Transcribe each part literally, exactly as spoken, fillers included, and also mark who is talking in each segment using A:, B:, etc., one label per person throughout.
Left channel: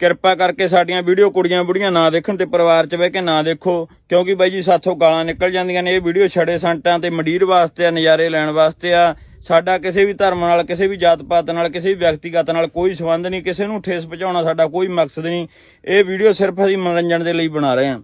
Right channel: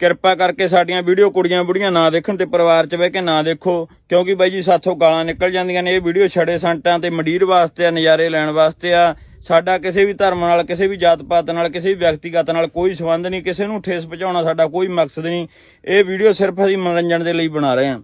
A: ਕਿਰਪਾ ਕਰਕੇ ਸਾਡੀਆਂ ਵੀਡੀਓ ਕੁੜੀਆਂ ਬੁੜੀਆਂ ਨਾ ਦੇਖਣ ਤੇ ਪਰਿਵਾਰ 'ਚ ਬਹਿ ਕੇ ਨਾ ਦੇਖੋ, ਕਿਉਂਕਿ ਬਾਈ ਜੀ ਸਾਥੋਂ ਗਾਲਾਂ ਨਿਕਲ ਜਾਂਦੀਆਂ ਨੇ। ਇਹ ਵੀਡੀਓ ਛੜੇ ਸੰਟਾਂ ਤੇ ਮੰਡੀਰ ਵਾਸਤੇ ਆ, ਨਜ਼ਾਰੇ ਲੈਣ ਵਾਸਤੇ ਆ। ਸਾਡਾ ਕਿਸੇ ਵੀ ਧਰਮ ਨਾਲ, ਕਿਸੇ ਵੀ ਜਾਤ ਪਾਤ ਨਾਲ, ਕਿਸੇ ਵੀ ਵਿਅਕਤੀਗਤ ਨਾਲ ਕੋਈ ਸੰਬੰਧ ਨਹੀਂ। ਕਿਸੇ ਨੂੰ ਠੇਸ ਪਹੁੰਚਾਉਣਾ ਸਾਡਾ ਕੋਈ ਮਕਸਦ ਨਹੀਂ। ਇਹ ਵੀਡੀਓ ਸਿਰਫ ਅਸੀਂ ਮਨੋਰੰਜਨ ਦੇ ਲਈ ਬਣਾ ਰਹੇ ਹਾਂ।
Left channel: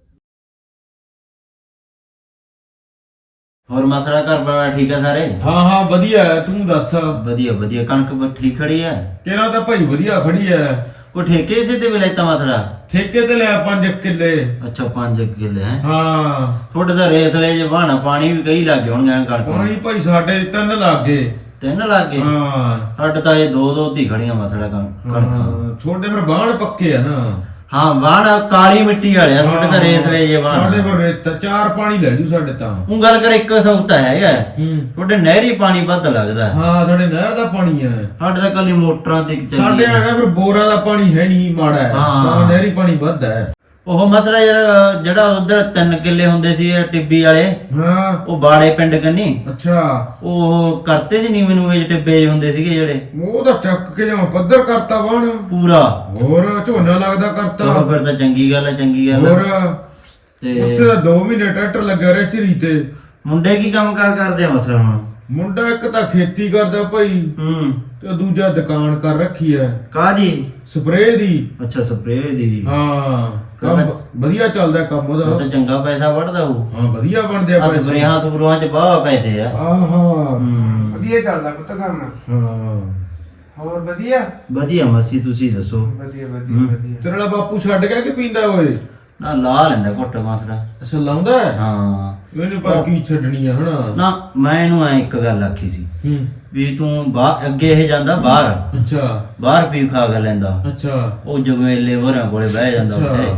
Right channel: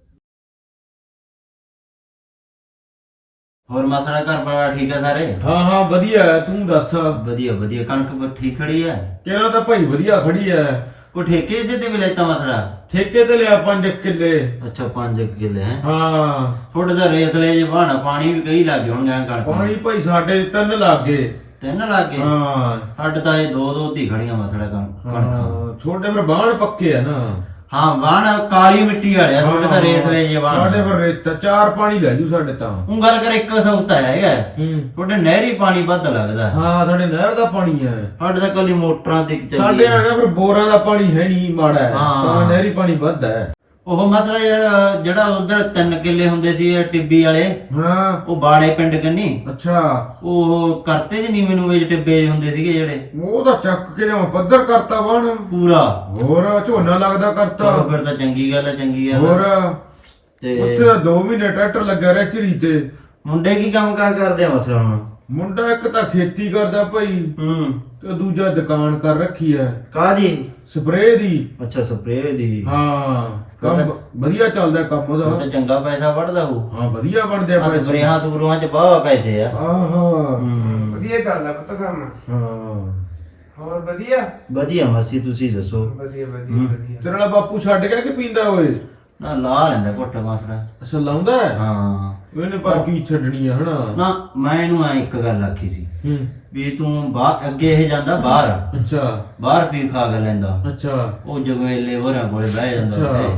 B: ਹੋਰ ਮਸਲਾ ਘਰ ਪਰਿਵਾਰ ਠੀਕ ਆ ਸਾਰੇ?
C: ਹਾਂ ਹਾਂ ਵਧੀਆ ਹੈ, ਤੂੰ ਦੱਸ।
B: ਵਧੀਆ ਵਧੀਆ। ਕਣਕ ਠੀਕ ਖੜੀ ਹੈ?
C: ਤੇਰਾ ਤਾਂ ਭਾਈ ਵਧੀਆ ਖੜੀ ਹੈ।
B: ਕੋਈ ਠੇਕੇ ਇਸੇ ਤੇ ਵੀ ਲੈਤਾ ਮਸਲਾ?
C: ਠੇਕੇ ਤੇ ਲਿਆ ਪੰਜ ਕਿੱਲੇ।
B: ਅੱਛਾ ਪੰਜ ਕਿੱਲੇ ਹੈ?
C: ਹਾਂ।
B: ਥੋੜੇ ਦਾ ਰੇਸ ਲੈ ਜੇ ਬਹਾਨਾ, ਪਾਣੀ ਵੀ ਕਈ ਲੱਗ ਗਏ ਹੋਣਗੇ ਕਣਕ।
C: ਪਾਣੀ ਭਾਈ ਸਾਡੇ ਤਿੰਨ ਲੱਗ ਗਏ।
B: ਤਿੰਨ ਲੱਗ ਗਏ?
C: ਹਾਂ।
B: ਸਾਡੇ ਤਾਂ ਇਹ ਦੋ ਦੋ ਦੀ ਖੜੀਆਂ ਮਸਲਾ ਕਣਕ।
C: ਛੋਟੇ ਪਰ ਬਾਣ ਪੱਕੇ ਆ ਨਾ।
B: ਹਾਂ ਬਾਣ ਕਾਲੀ ਮਿੱਟੀ ਵਾਲੇ ਆ ਤੁਹਾਡੇ ਤਾਂ ਰੇਸ ਲੈ ਜੇ ਬਾਣ।
C: ਸਾਡੇ ਪਰ ਰੇਤ ਚਾਰ ਪਾਣੀ ਲੈ ਜੂ ਸਾਡੇ ਤਾਂ।
B: ਉਹ ਗੱਲ ਕਰ ਇੱਕ ਸੌਤਾ ਹੈਗਾ
C: ਹੂੰ।
B: ਤੁਹਾਡੇ ਨਹਿਰੀ ਪਾਣੀ ਵੱਧ ਲੱਗਦਾ।
C: ਹਾਂ ਸਾਡੇ ਨਹਿਰ ਦਾ ਪਾਣੀ ਹੈ।
B: ਸਾਡੇ ਤਾਂ ਕੱਲੀ ਮੋਟਰਾਂ ਤੇ ਚੱਲੀ।
C: ਸਾਡੇ ਆ ਨਾ ਫਿਰ ਬੋਰਾਂ ਦਾ ਪਾਣੀ ਹੈ ਨਹੀਂ, ਮਾੜਾ ਹੈ।
B: ਹਾਂ
C: ਨਹਿਰੀ ਪਾਣੀ ਵੱਧ ਹੈ।
B: ਉਹ ਮਸਲਾ ਯਾਰ ਜਿਹੜਾ ਉਧਰ ਤਿੰਨ ਕਿੱਲੇ ਹੁੰਦੇ ਸੀ ਟਿੱਬੀ ਵਾਲੇ,
C: ਹਾਂ
B: ਉਹ ਬਾੜੇ ਪਿੰਡ ਕੰਨੀ।
C: ਅੱਛਾ।
B: ਉਹ ਕਰਤੇ ਜੀ ਨਹੀਂ ਮੈਨੂੰ ਇਹ ਟਿੱਬੇ ਹੁੰਦੇ ਸੀਗੇ ਜਿਹੜੇ,
C: ਉਹ ਤਾਂ ਚੱਕ ਕੇ ਜਮਾ ਪੱਧਰ ਕਰਤਾ ਬਾਣ
B: ਪੂਰਾ।
C: ਹੋਰ ਝੋਨਾ ਲੱਗਦਾ ਕਰਤਾ।
B: ਚਲੋ ਫਿਰ ਤਾਂ ਚੰਗੀ ਗੱਲ ਹੈ, ਚੰਗੀ ਗੱਲ
C: ਹੋਰ
B: ਤੇ
C: ਉੱਥੇ ਤਾਂ ਦੋ ਮਹੀਨੇ ਟਰੈਕਟਰ ਲੱਗਿਆ ਰਿਹਾ ਝਰੀ ਤੇ।
B: ਮੁੰਡੇ ਕੀ ਕੰਮ ਕਾਰ ਕਰਦੇ ਆ ਮਸਲਾ ਹੁਣ?
C: ਮੁੰਡਾ ਇੱਕ ਤਾਂ ਖੇਤੀ ਕਰਦਾ ਭਾਈ,
B: ਹੂੰ,
C: ਤੇ ਦੂਜਾ ਦੁਕਾਨ ਕਰ ਰੱਖੀ ਹੈ
B: ਕਾਹਦੀ?
C: ਸਪਰੇਅ ਦੀ।
B: ਅੱਛਾ ਸਪਰੇਅ ਦੀ।
C: ਹਾਂ ਕੰਮ ਵਧੀਆ ਚੱਲਦਾ ਕੰਮ
B: ਉਹ
C: ਉਹਦਾ।
B: ਤਾਂ ਚੰਗਾ ਪੈਸਾ ਵੜਦਾ ਉਹ।
C: ਹਾਂ ਵਧੀਆ ਬਣਦੇ ਆ
B: ਆ ਸਪਰੇਹਾਂ ਸਪਰੂਹਾਂ ਚ ਬਾਵਾ ਪੈਸੇ ਆ।
C: ਆਹਾ
B: ਹੂੰ
D: ਵਧੀਆ ਚੱਲਦਾ ਪੁੱਤ ਕੰਮ।
C: ਹਾਂ
D: ਹੋਰ ਵਧੀਆ
B: ਵਧੀਆ। ਮਰਸੀ ਤੁਸੀਂ ਦੱਸੋ।
D: ਵਧੀਆ ਵਧੀਆ ਵਧੀਆ।
C: ਤੇਰੇ ਵਾਲਾ ਬਾਪੂ ਛੱਡ ਗਿਆ ਕਿ ਪੀਂਦਾ ਓਏ?
B: ਨਾ ਲਾ ਲੈਂਦਾ ਘੁੱਟ ਮਸਲਾ।
C: ਅੱਛਾ ਲਾਉਂਦਾ ਹੈ?
B: ਹਾਂ
C: ਇਹਨੇ ਪਰ ਕੀ ਛੱਡਣੀ ਆ ਹਨਾ।
B: ਨਾ ਮੈਂ ਇਹਨੂੰ ਐ ਇੱਕ ਗੱਲ ਆਖੀ ਸੀ
C: ਹੂੰ।
B: ਵੀ ਤੂੰ ਬਾਹਰ ਅੱਗੇ ਇਹ ਜਾਂਦਾ ਬਾਹਰ,
C: ਅੱਛਾ
B: ਬਾਹਰ ਪੀ ਖਾ ਕੇ ਲੈਂਦਾ।
C: ਅੱਛਾ
B: ਉਹ ਜਗਵੇਲੇ ਹੋਰਾਂ ਕੋਲੇ ਬਹਿ ਜਾਂਦਾ
C: ਅੱਛਾ।
B: ਉੱਥੇ।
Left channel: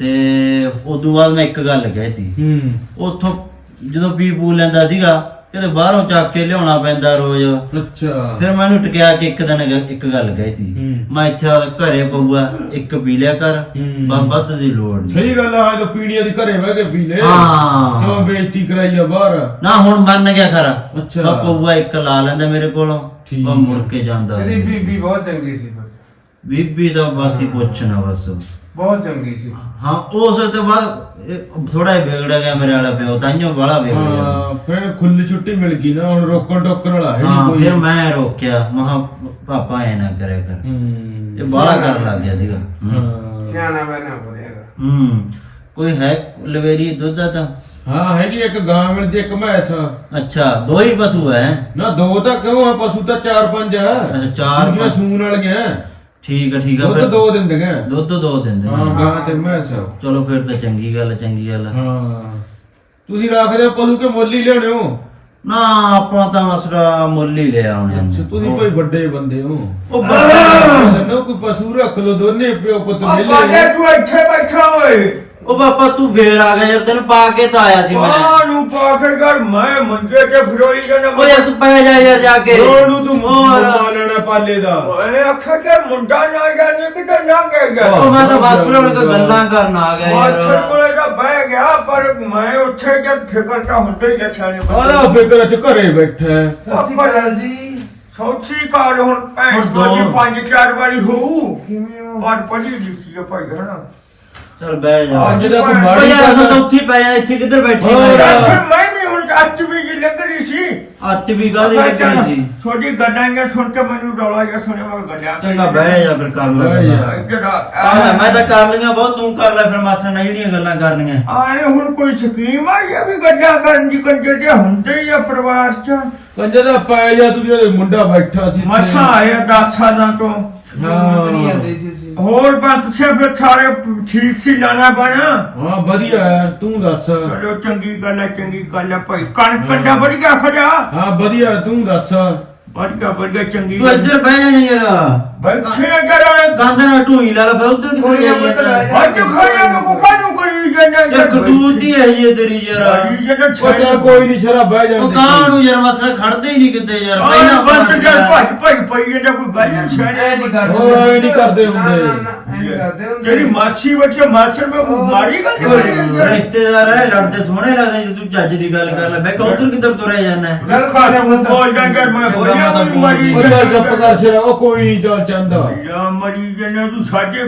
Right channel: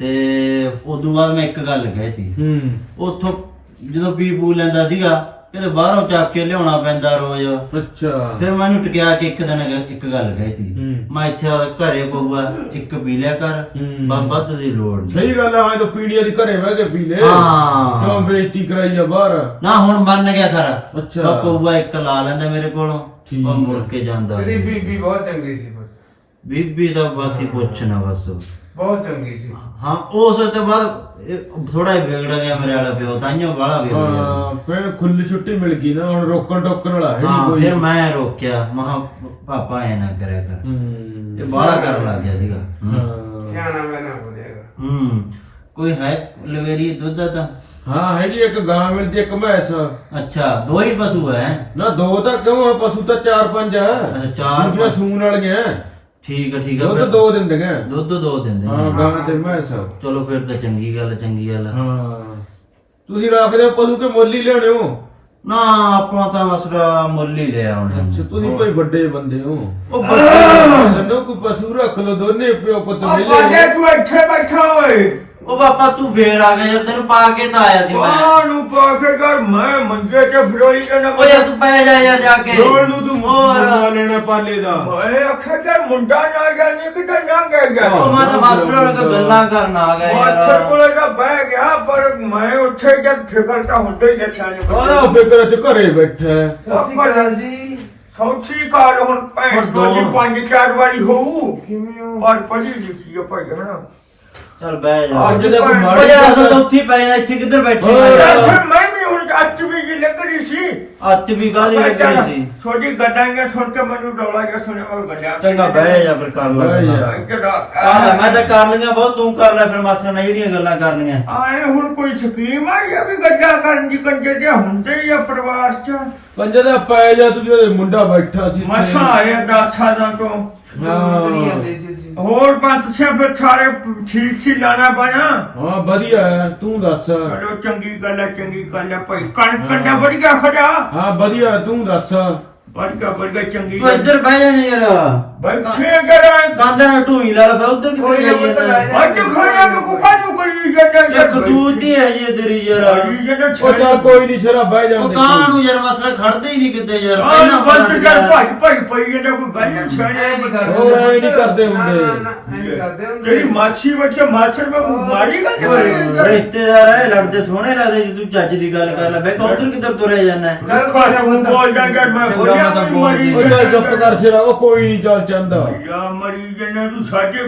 B: ਤੇ ਉਦੋਂ ਬਾਅਦ ਮੈਂ ਇੱਕ ਗੱਲ ਕਹਿਤੀ,
C: ਹੂੰ।
B: ਉੱਥੋਂ ਜਦੋਂ ਪੀ ਪੂ ਲੈਂਦਾ ਸੀਗਾ ਕਿਤੇ ਬਾਹਰੋਂ ਚੱਕ ਕੇ ਲਿਆਉਣਾ ਪੈਂਦਾ ਰੋਜ਼।
C: ਅੱਛਾ।
B: ਫਿਰ ਮੈਨੂੰ ਟਕਿਆ ਕੇ ਇੱਕ ਦਿਨ ਇੱਕ ਗੱਲ ਕਹਿਤੀ,
C: ਹੂੰ।
B: ਮੈਂ ਇੱਥੇ ਘਰੇ ਪਊਗਾ ਇੱਕ ਪੀ ਲਿਆ ਕਰ,
C: ਹੂੰ।
B: ਬਾਬਾ ਦੀ ਲੋੜ ਨਹੀਂ।
C: ਸਹੀ ਗੱਲ ਆ, ਜਦੋਂ ਪੀੜੀਆਂ ਦੀ ਘਰੇ ਬਹਿ ਕੇ ਪੀ ਲੈ।
B: ਹਾਂ।
C: ਕਿਉਂ ਬੇਇੱਜ਼ਤੀ ਕਰਾਈ ਆ ਬਾਹਰ?
B: ਨਾ ਹੁਣ ਮੰਨ ਗਿਆ ਖਰਾ।
C: ਅੱਛਾ।
B: ਬਾ ਪਊਗਾ ਇੱਕ ਲਾ ਲੈਂਦਾ ਮੇਰੇ ਕੋਲੋਂ,
C: ਠੀਕ
B: ਉਹ ਮੁੜ ਕੇ ਜਾਂਦਾ।
D: ਤੇਰੀ ਬੀਬੀ ਬਹੁਤ ਚੰਗੀ ਸੀ ਪੁੱਤ,
B: ਬੀਬੀ ਦਾ ਬਸ ਹੀ ਪੁੱਛਣਾ ਬਸ।
D: ਬਹੁਤ ਚੰਗੀ ਸੀ।
B: ਹਾਂ ਉਸ ਤੋਂ ਬਾਅਦ ਥੋੜਾ ਜਿਹਾ ਵਿਗੜ ਗਿਆ ਮੇਰੇ ਵਾਲਾ ਪਿਓ, ਤਾਂਹੀਓ ਬੜਾ ਵਿਗੜ ਗਿਆ।
C: ਹਾਂ ਫਿਰ ਖੁੱਲੀ ਛੁੱਟੀ ਮਿਲ ਗਈ ਨਾ, ਹੁਣ ਰੋਕਣ ਟੋਕਣ ਵਾਲਾ ਹੈ ਨਹੀਂ
B: ਹਾਂ
C: ਕੋਈ।
B: ਫਿਰ ਮੈਂ ਰੋਕਿਆ, ਮਹਾ ਪਾਪਾ ਐ ਨਾ ਕਰਿਆ ਕਰ।
C: ਹੂੰ।
B: ਇਹ ਬਾਹਲਾ ਕਰਨ ਲੱਗ ਗਿਆ ਸੀਗਾ।
C: ਹਾਂ।
D: ਸਿਆਣਾ ਬਣਾ ਹੋ ਜਾਏਗਾ।
B: ਹੂੰ। ਕੋਈ ਹੈ ਲਵੇਰੀ ਦੁੱਧ ਦਾ ਤਾਂ?
C: ਹਾਂ ਹੈਗੀ ਇੱਕ ਗਾਂ ਮਿਲਦੀ, ਇੱਕ ਮੈਸ।
B: ਅੱਛਾ ਦੋ ਹੀ ਪਸ਼ੂ ਹੈ?
C: ਨਾ ਦੋ ਤਾਂ ਕਿਉਂ ਆ, ਪਸ਼ੂ ਤਾਂ ਚਾਰ ਪੰਜ ਆ।
B: ਚਾਰ
C: ਦੂਜੀਆਂ ਸੂਣ ਵਾਲੀਆਂ।
B: ਠੀਕ ਆ ਠੀਕ ਆ।
C: ਦੁੱਧ ਦੋ ਦਿੰਦੀਆਂ।
B: ਦੁੱਧ ਦੋ ਦਿੰਦੇ
C: ਹਾਂ
B: ਨੇ।
C: ਗਾਂ ਤੇ ਮੈਸ।
B: ਚਲੋ ਫਿਰ ਤਾਂ ਚੰਗੀ ਗੱਲ ਚੰਗੀ ਗੱਲ।
C: ਹਾਂ ਤੁਸੀਂ ਰੱਖਦੇ ਹੋ ਪਸ਼ੂ ਕੇ ਮੁੱਲ ਹੀ ਲੈਣੇ ਹੋ?
B: ਨਾ ਆਪਾਂ ਤਾਂ ਮਸਰਾ ਮੁੱਲ ਹੀ ਲਿਆ ਉਹਨੇ।
C: ਅੱਛਾ ਤੁਸੀਂ ਕੋਈ ਵੱਡੇ ਬੰਦੇ ਹੋ।
B: ਉਹ ਬੱਚੇ
C: ਲੋ ਕੋਈ ਪਸ਼ੂ ਰੱਖ ਲੋ, ਦੋਨੇ ਪਿਓ ਪੁੱਤ ਮਿਲੇ।
D: ਪਾਲੇ ਤੂੰ ਇੱਥੇ ਬੈਠਾ ਓਏ।
B: ਉਹ ਪਾਪਾ ਤੂੰ ਫੇਰ ਆ ਗਿਆ ਯਾਰ, ਤੈਨੂੰ ਪਾ ਕੇ ਤਾਂ ਆਇਆ ਸੀ ਮੈਂ।
D: ਮਾਂ ਨੂੰ ਪਾ ਕੇ ਕਰ, ਮੈਂ ਮੰਜੇ ਤੇ ਫਿਰੋਈ ਕੇ ਨਾ।
B: ਓ ਯਾਰ ਤੂੰ ਪੈ ਜਾ ਯਾਰ ਜਾ ਕੇ।
C: ਰੋਣ ਨੂੰ ਤੂੰ
B: ਹੋਰ।
C: ਮੁੰਡਾ ਲੈਣਾ ਪਾਲੇ ਦਾ।
D: ਮੈਂ ਆਖਿਆ ਕਰ ਮੁੰਡਾ ਨਾ ਜਾਣੇ ਕਿਤੇ ਨਾ ਗਿਆ।
B: ਉਹ ਮੈਂ ਤਾਂ ਬਸ ਲੋਣ ਕੇ ਗੱਲਾਂ ਕਰਨ ਆ ਗਿਆ
D: ਮਾਛਰ
B: ਯਾਰ।
D: ਕੋਲੇ ਤਾਂ ਬਹਿ ਗਿਆ, ਪਰ ਮੈਂ ਉੱਥੇ ਜਦ ਫਿਕਰ ਤਾਂ ਹੁੰਦੇ ਹੀ ਨਿਸ਼ਾਨੇ
C: ਆਲਾ ਫਿਕਰ ਚ ਘਰੇ ਬੈਠਾ ਹੈ।
D: ਸਤਿ ਸ਼੍ਰੀ ਅਕਾਲ ਜੀ। ਸੌਚੀ ਕਾਰ ਹੁਣ ਭੈਣ
B: ਹੁਣ ਦੋ।
D: ਜੀ ਪੰਜ ਚਾਰ ਵਾਰੀ ਹੋਊ।
E: ਕਿਵੇਂ ਹੋ?
D: ਪਰ ਪੜੀ ਲਿਖੀ ਆ ਭਾਈ ਹਨਾ।
B: ਚੱਲ ਬਹਿ ਜਾ।
C: ਅੱਜ ਦਾ ਕੋਈ
B: ਓ
C: ਮਾੜੀ
B: ਯਾਰ ਅਸਾਂ ਤਾਂ
C: ਗੱਲ-
B: ਉੱਥੇ ਹੀ ਪਏ ਆ, ਇੱਥੇ ਕਿੱਧਰ ਬੈਠੇ
C: ਹੋਰ।
B: ਆ?
D: ਫਿਰ ਮੈਂ ਵੀ ਹੁਣ ਅੱਜ ਵੀ ਜੀ ਲੱਗ ਰਹੀ ਸੀ।
B: ਅੱਤ ਵੀ ਕਾਹਦੀ ਲੱਗੀ ਸੀ?
D: ਛੋਟੀ ਗੱਲਾਂ ਸੁਣ ਕੇ ਮੈਨੂੰ ਡੋਲਾ ਜਿਹਾ ਸੁਣਿਆ ਮੈਂ ਗੱਲਾਂ।
B: ਚੰਗਾ ਬਹਿ ਜਾ ਫਿਰ ਕਰ ਲੈ
C: ਬਹਿ
B: ਗੱਲਾਂ।
C: ਜਾ।
D: ਜਿਹੜਾ
B: ਆ ਲੈ ਮੈਂ ਤਾਂ ਕਰ ਲਈਆਂ ਬਹੁਤ, ਤੂੰ ਕਰ ਲੈ ਫਿਰ ਮਾਸਟਰ ਨਾਲ ਜਿਹੜੀਆਂ ਗੱਲਾਂ ਕਰਨੀਆਂ।
D: ਆਏ ਹੁਣ ਕੋਈ ਸਕੀਮ ਆ ਜਾਂ ਵੀ ਗੱਲਾਂ ਕਰਨ ਦੀ ਕੰਜੇ ਦੇ ਹੁੰਦੇ ਹੀ ਆ ਪਰਿਵਾਰ ਚ।
C: ਕੰਜੇ ਦਾ ਪੈ ਜਾ, ਤੂੰ ਜਿਹੜੇ ਮੁੰਡਾ ਬੈਠਾ ਸੀ।
D: ਮਸਾਂ ਆਏ ਦਸ ਸਾਲਾਂ ਤੋਂ।
C: ਹਾਂ
D: ਹੋਰ ਬੰਦ ਸੇ ਫਿਰ ਸਾਰੇ ਠੀਕ ਸੀ ਲਾਣਾ ਬਣਾ।
C: ਹਾਂ ਵਧੀਆ ਹੈ, ਤੂੰ ਦੱਸ।
D: ਚਲੋ ਚੰਗੀ ਗੱਲ ਹੈ, ਚੰਗੀ ਗੱਲ ਹੈ ਭਾਈ। ਕਣਕ ਕੰਡਾ ਵਧੀਆ ਖੜਾ।
C: ਹਾਂ ਵਧੀਆ, ਤੂੰ ਦੱਸ।
D: ਵਧੀਆ ਵਧੀਆ ਚੰਗੀ
B: ਤੂੰ ਇੱਧਰ ਬਹਿ ਜਾ ਨੀ ਯਾਰ।
D: ਬੱਚੇ ਕਰਾਂ
B: ਗੰਦ ਨਾਲ ਢੂਈ ਲਾ ਲੈ ਫਿਰ ਉੱਧਰ ਕਿੱਧਰ ਜਾਈਏ?
D: ਅੱਜ ਖਾਇਆ ਮੈਂ ਕੁਕਾ ਨੂੰ ਕਰੀ ਜਾਂਦੇ
B: ਯਾਰ ਕਰਤੂਤ ਦੀ ਹੈ ਜੀ ਤੇਰੀ ਯਾਰ
D: ਭਾਈ ਜਿਹੜਾ
C: ਉਹ ਚੱਲ ਕੋਈ ਨਹੀਂ ਸ਼ਰਾ ਬਹਿ
B: ਉਹ
C: ਜਾਂਦੇ
B: ਕਾਂ ਨੂੰ ਯਾਰ ਮਸਲਾ ਖੜਦੇ ਹੀ ਨਹੀਂ ਕਿਤੇ ਯਾਰ
D: ਪਹਿਲਾਂ
B: ਪਹਿਲਾਂ
D: ਬੰਦ ਕਰ ਭਾਈ ਭਾਈ ਭਾਈ ਇਹਦਾ ਕੋਈ ਗੱਲ ਨਹੀਂ ਛੜਿਆ
C: ਉਹ ਐ ਨਹੀਂ ਕਰਦੇ ਹੁੰਦੇ
D: ਜਿਹੜੀ ਮਾਛੀ ਬੱਚੇ ਮਾਛਰ ਮੈਂ ਮਾਰੀ ਗੱਲ
B: ਰਿਸ਼ਤੇਦਾਰ ਹੈ ਲੜਦੇ ਸੋਹਣੇ ਲੱਗਦੇ ਜੇ ਤੂੰ ਚੱਜ ਦੀ ਗੱਲ ਕਰ ਲੈ ਬਈ ਕੌਂਤਰ ਕਿੱਧਰ ਤੁਰਿਆ ਜਾਂਦਾ
D: ਬੋਲ ਜਾਂਗਾ ਮੈਂ ਹੋ ਜਾ ਮਰੀ
C: ਉਹ ਚੱਲ ਚੁੱਪ ਕਰ ਸ਼ਰਾ ਉਹ ਕੋਈ ਨਹੀਂ ਚੱਲ ਚੰਦਾ
D: ਯਾ ਮਰੀ ਜਨੇ ਤੂੰ ਸਾਡੇ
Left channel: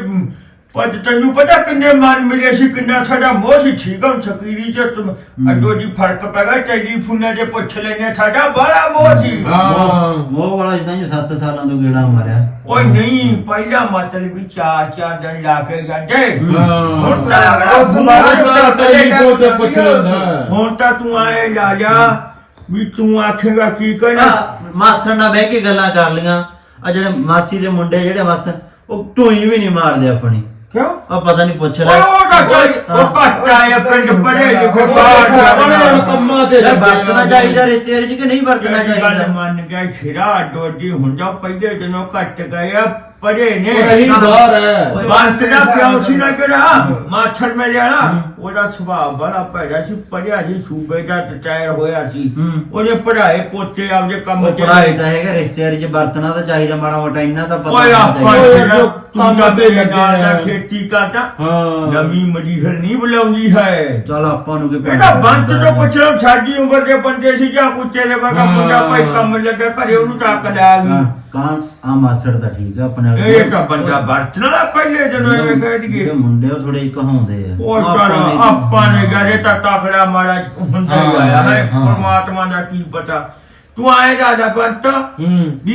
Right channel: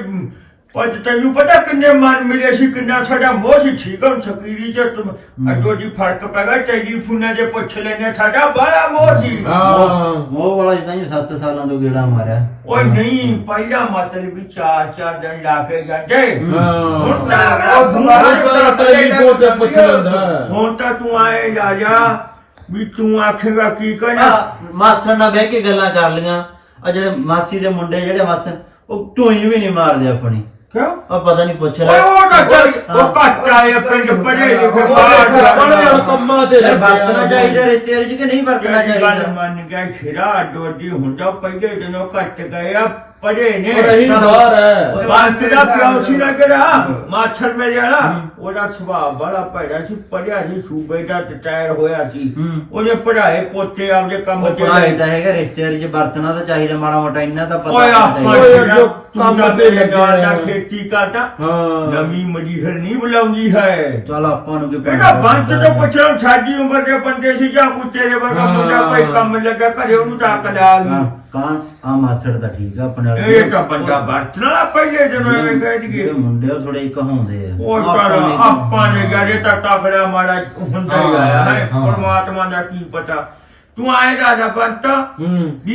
D: ਪਜ ਤੈਨੂੰ ਪਤਾ ਕਿੰਨੇ ਮਨ ਮਿਲੇ ਸੀ ਕਿੰਨਾ ਸਾਡਾ ਮੋਹ ਸੀ ਠੀਕ ਹੈ ਸਕੀਰੀ ਚ ਤੁਮ ਅੱਡੋ ਜੀ ਫਰਕ ਪੈ ਗਿਆ ਟੈਲੀਫੋਨਾਂ ਤੇ ਪੁੱਛ ਲੈਨੇ ਸਾਡਾ ਬੜਾ ਮੋਹ ਸੀ
C: ਹਾਂ
B: ਉਹ ਵਾਲਾ ਜਿੱਦਾਂ ਜੀ ਸੱਤ ਸਾਲਾਂ ਤੋਂ ਗੇੜਾ ਮਾਰਿਆ
D: ਓਏ ਨਹੀਂ ਪਹਿਲਾ ਮਤਲਬ ਵੀ ਚਾਰ ਚਾਰ ਦਿਨ ਲਾ ਕੇ ਜਾਂਦੇ ਹੁਣ ਤਾਂ
C: ਉਹ ਦੁਬਾਰਾ ਟੈਲੀਫੋਨ ਤੇ ਪੁੱਛ ਲੈਂਦਾ
D: ਹੁਣ ਤਾਂ ਤੂੰ ਆਏ ਜਾ ਜਾ ਵੀ ਤੂੰ ਆਖੇਗਾ ਕੀ ਕਹਿਣਾ
B: ਮਾਸੜ ਨਾਲ ਬਹਿ ਕੇ ਗੱਲਾਂ ਕਰ ਲੀਆਂ ਆ ਜਿਹੜੇ ਮਾਸੀ ਦੇ ਮੁੰਡੇ ਜਿਹੜੇ ਮਾਸ ਉਹ ਢੋਈ ਵੀ ਨਹੀਂ ਮਾਰਦੇ ਆਪਣੀ
D: ਕਿਉਂ
B: ਉਹ ਪਤਾ ਨਹੀਂ ਪੁੱਛ ਲੈ
D: ਉਹ ਤਾਂ ਉਹ ਘੱਟ ਆਏ ਪਿੰਡ ਪੜੇ ਲਿਖੇ ਬਾਹਰ
C: ਕੰਮਾਂ ਤੇ
B: ਯਾਰ ਵਰਤਣਾ ਚਾਹੀਦਾ ਰਿਸ਼ਤੇ ਚ ਕਿ ਨਹੀਂ ਵਰਤਣਾ
D: ਗੱਲ
B: ਚਾਹੀਦਾ
D: ਮੰਨ ਗਿਆ ਖਿਰਾ ਡੋਡੀ ਹੁੰਦਾ ਪਹਿਲੇ ਦਿਨੋਂ ਘੱਟ ਗਏ ਆ ਪੜੇ ਨੇ
C: ਉਹ ਰਹੀ ਬਾਹਰ ਹੈ
D: ਬੰਤ ਦਾ ਪਿਓ ਸੀ ਨਾ ਜਿਹੜਾ ਮਾਛੜ ਮੇਰੇ ਵਾਲਾ ਉਹਦਾ ਸੁਭਾਅ ਬੜਾ ਭੈੜਾ ਸੀ ਪੜਿਆ ਸੀ ਸੂਬੇ ਦਾ ਟਾਇਰ ਹੋਇਆ ਸੀ ਉਹਨੇ ਪੜਾਏ ਪੋਤੇ ਆਪਦੇ ਕੰਮ
B: ਉਹ ਪੜਾਈ ਤਾਂ ਹੈਗਾ ਰਿਸ਼ਤੇਦਾਰੀ ਚ ਵਰਤਣਾ ਤਾਂ ਚਾਹੀਦਾ ਮਾੜਾ ਮੋਟਾ ਇੰਨਾ ਤਾਂ ਪਤਾ
D: ਓਏ
B: ਹੋਣਾ
D: ਆਪਾਂ
B: ਚਾਹੀਦਾ
D: ਜੋ ਕੰਮ ਤੇ ਲੱਗਿਆ ਖੇਤੀ ਕਰਦਾ
C: ਹਾਂ
D: ਨਵੀਂ ਮਜੀਹਰ ਨਹੀਂ ਬੁਲਾਉਂਦੀ ਹੈ
B: ਚੱਲ ਆਪਾਂ ਨੂੰ ਕੀ
D: ਇਹਦਾ ਬੰਤ ਤੋਂ ਪੁੱਛਣਾ ਸਾਡੀ ਉਮਰ ਦੇ ਬੰਦੇ ਸੀ ਜਾਂ ਕੁੱਤੇ ਦੇ ਵਰਗਾ ਮੁੰਡਾ ਭਾਈ ਕੰਮ ਲੱਗਾ ਘਰੇ ਉਹਨੂੰ ਟੱਕ ਲਿਆ ਗਈ
B: ਕਾਂ ਆ ਮਾਸਟਰ ਤਾਂ ਠੀਕ ਆ ਆਪਣੇ ਵਾਲੇ
D: ਇਹ ਤਾਂ ਬੰਦਾ ਵਰਤਣ ਵਾਲਾ ਪਹਿਲੇ ਦਿਨੋਂ ਇਹ ਕਹਿ ਦਈਏ
B: ਜਿਹੜੇ ਮੁੰਡੇ ਉਹ ਥੋੜੇ ਕਹਾਉਂਦੇ ਆ
D: ਉਹ ਕਰ ਆਪਾਂ ਨੇ ਗਾਰੇ ਤਾਂ ਟਾਕੜਾ ਮਾਰਾ ਹੁੰਦਾ ਹੀ ਆਇਆ ਹੈ ਪਰਮਾਤਮਾ ਦਾ ਕੀ ਪਤਾ ਤੂੰ ਆਏ ਰਾਜਾ ਬੰਤ ਵੀ